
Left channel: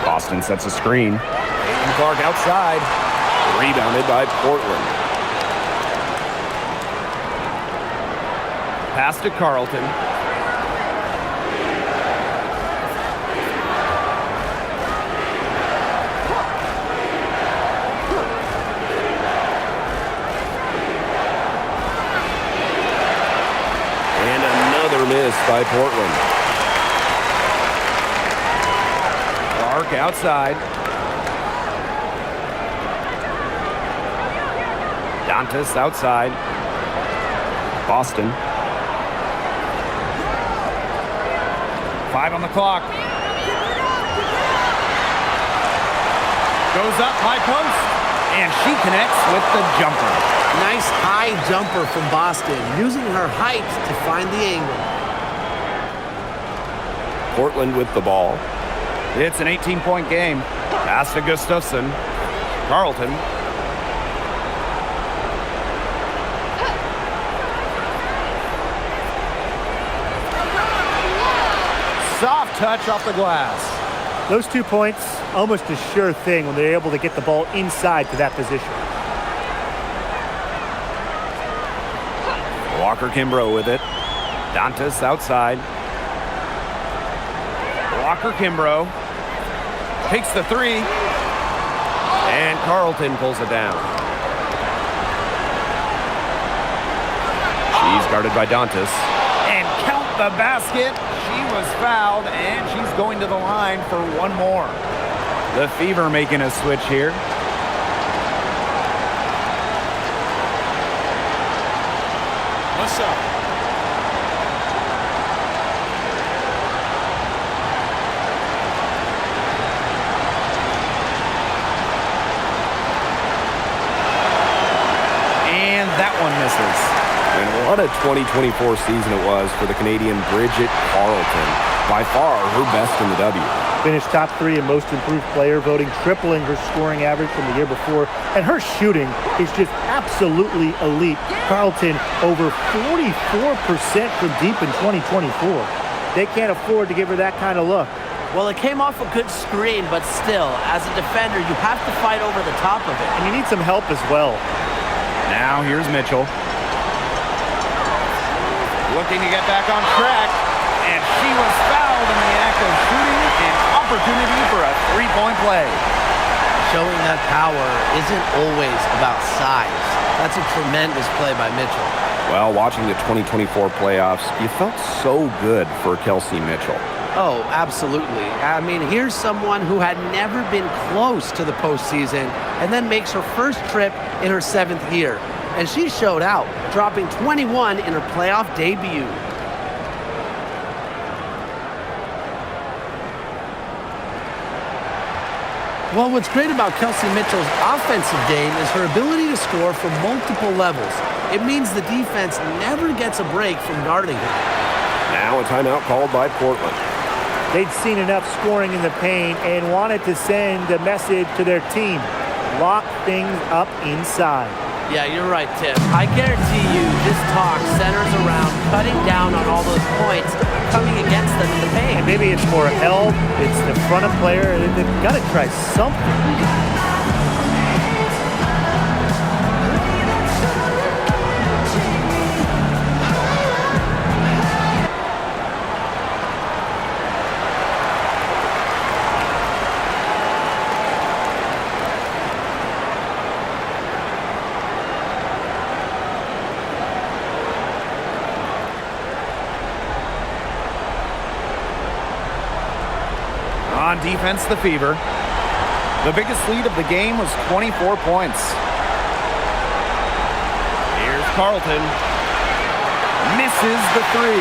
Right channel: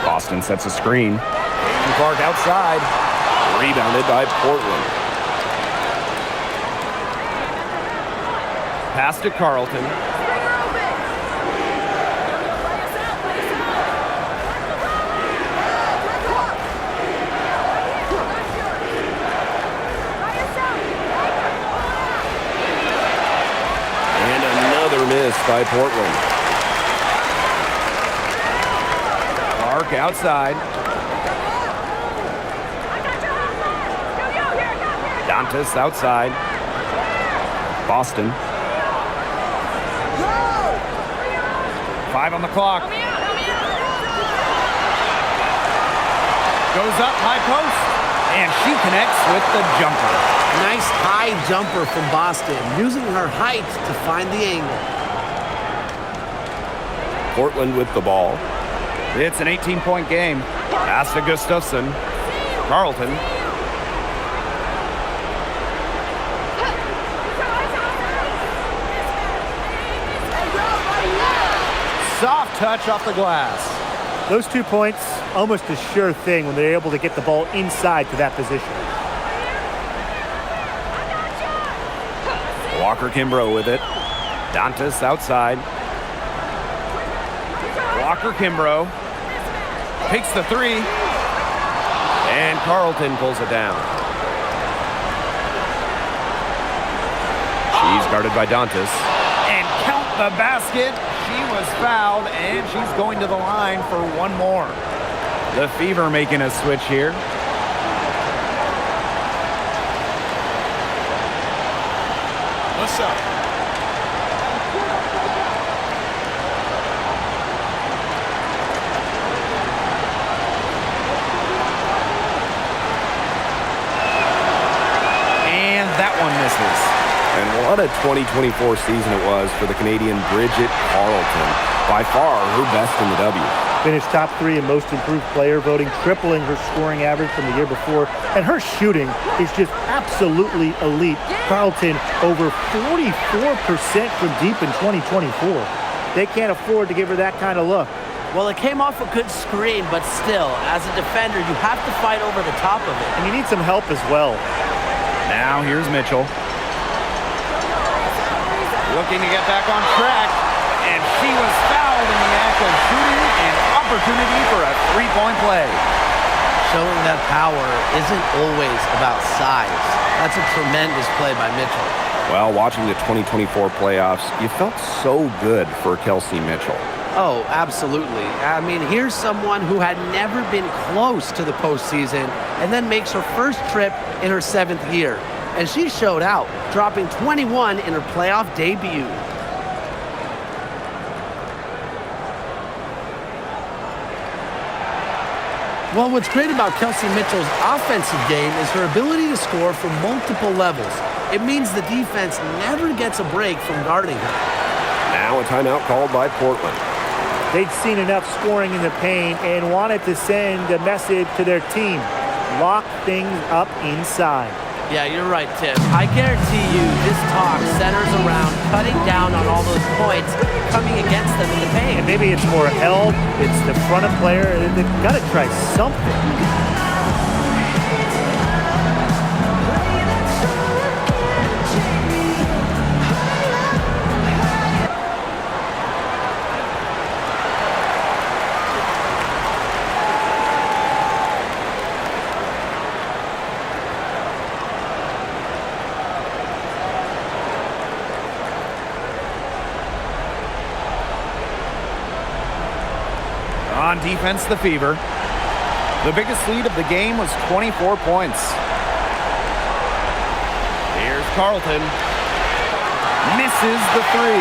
Boston sets a screen. Caitlin Clark outside. Rebounded by Portland. Pass to Carlton. another miss by Portland. Clark outside. Dantas outside. Boston. 5 on the clock. Goes up, high post, and she connects with the jumper. Nice high jumper from Boston, using her height to find the angle. Portland with the ball. It's an 18-point game. Pass to Gustafson. Carlton. Soft touch off the glass. Those 2 points, almost a sure thing when they're able to get the ball inside to that position. Walker Kimbrough with it. Dantas outside. Walker Kimbrough takes the 3. And Carlton pulls it down. She's guarded by Dantas. And count the basket. She was fouled, and she's going to the line for one more. The Fever making a switch here. One shot. And that one misses. And what a 2024 season it was for the Canadian Bridget Carleton. By far, her best in the W. Finished top 3 in most improved player voting, tripling her scoring average from the year before. And her shooting is just absolutely elite. Carleton over 44% from deep in 2024. They can't afford to give her that kind of look. Well, it came off a good screen, but still, as a defender, you have to fight over the top of it. And you need some help as well. Now here's Mitchell. Looking to get back on track, and she was fouled in the act of shooting, an opportunity for a 3-point play. Showing that power isn't always about size. That's a tremendous play by Mitchell. Well, watching the 2024 playoffs, you felt so good for Kelsey Mitchell. Oh, absolutely. I mean, here's someone who had never been close to the postseason and then makes her first trip in her 7th year. And she showed out, dropping 21 in her playoff debut. Well, what's great about Kelsey Mitchell's offensive game is her ability to score from multiple levels. It means the defense never gets a break from guarding her. Now a timeout called by Portland. They'd seen enough scoring in the paint and wanted to send a message to their team. Lock things up inside. Yeah, you're right, Tim. I guarantee you this talk centers around cutting down on all those points coming against them in the paint. And maybe it's more held, it's the front of player, they've got to try something. On defense, the Fever. The biggest lead of the game was 24 points. Here's Carlton. Misses the 3.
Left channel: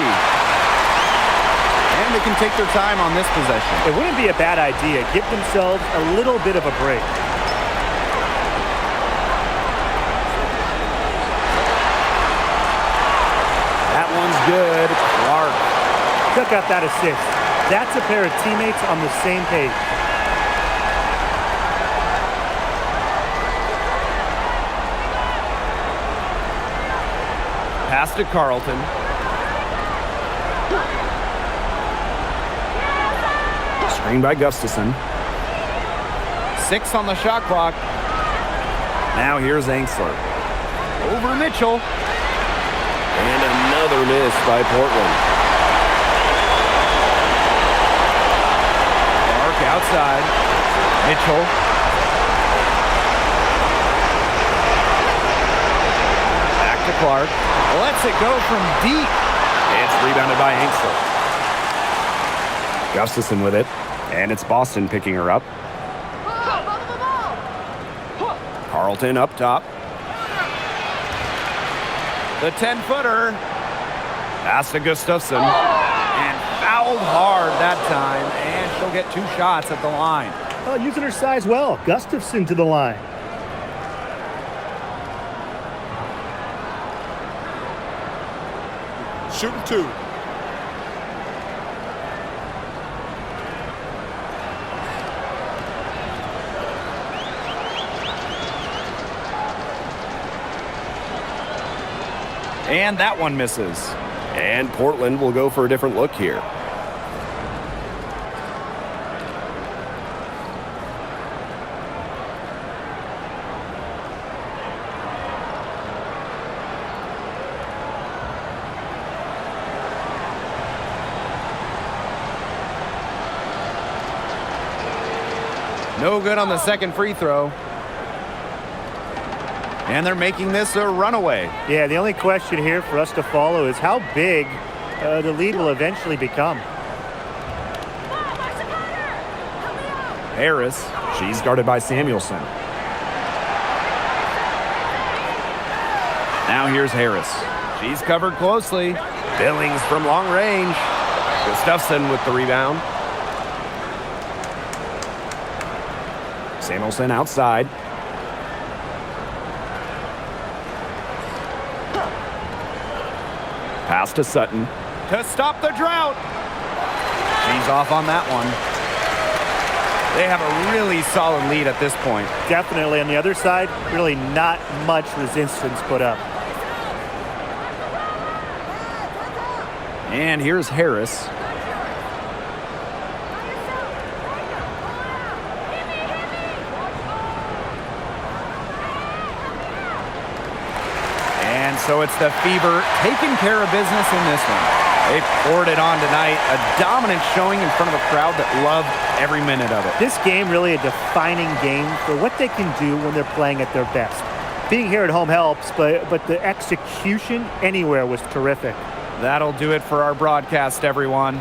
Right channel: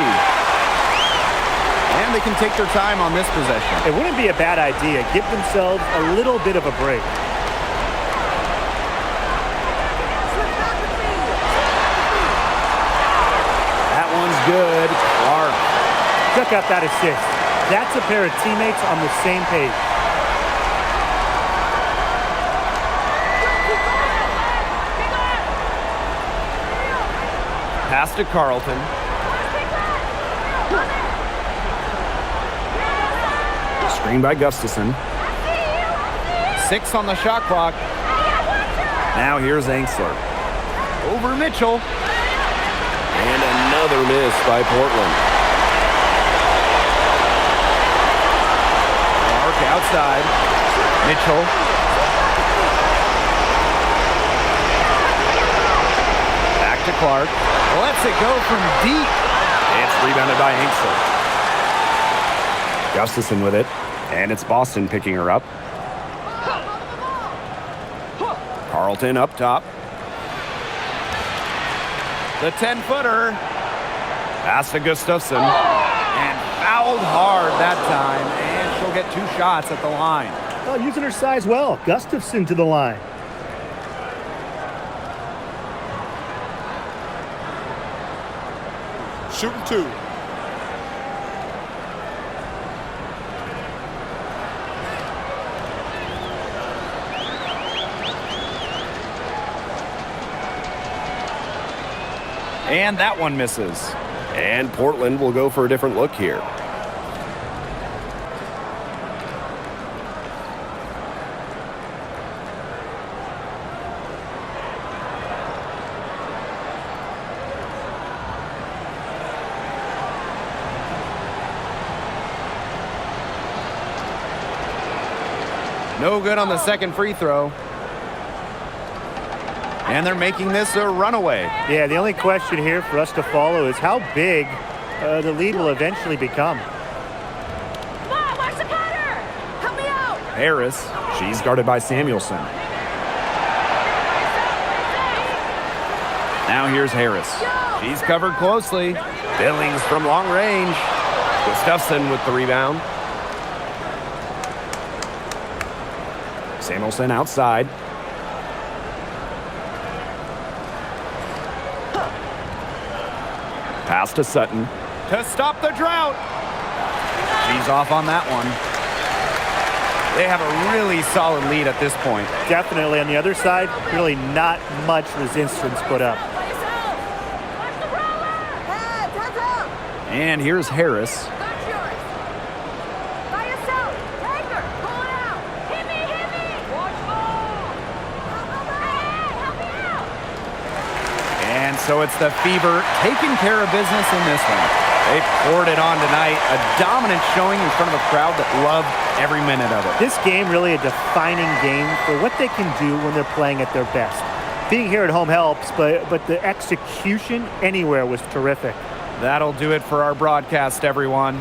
And they can take their time on this possession. It wouldn't be a bad idea. Give themselves a little bit of a break. That one's good. Clark. Check out that assist. That's a pair of teammates on the same page. Pass to Carlton. Screen by Gustafson. 6 on the shot clock. Now here's Angsler. Over Mitchell. And another miss by Portland. Clark outside. Mitchell. Back to Clark. Lets it go from deep. It's rebounded by Angster. Gustafson with it, and it's Boston picking her up. Carlton up top. The 10-footer. Pass to Gustafson. And fouled hard that time, and she'll get 2 shots at the line. Well, using her size well. Gustafson to the line. Shooting 2. And that one misses. And Portland will go for a different look here. No good on the second free throw. And they're making this a runaway. Yeah, the only question here for us to follow is how big the lead will eventually become. Harris, she's guarded by Samuelson. Now here's Harris. She's covered closely. Billings from long range. Gustafson with the rebound. Samuelson outside. Pass to Sutton. To stop the drought. She's off on that one. They have a really solid lead at this point. Definitely on the other side, really not much resistance put up. And here's Harris. And so it's the Fever taking care of business in this one. They poured it on tonight. A dominant showing in front of a crowd that loved every minute of it. This game really a defining game for what they can do when they're playing at their best. Being here at home helps, but the execution anywhere was terrific. That'll do it for our broadcast, everyone.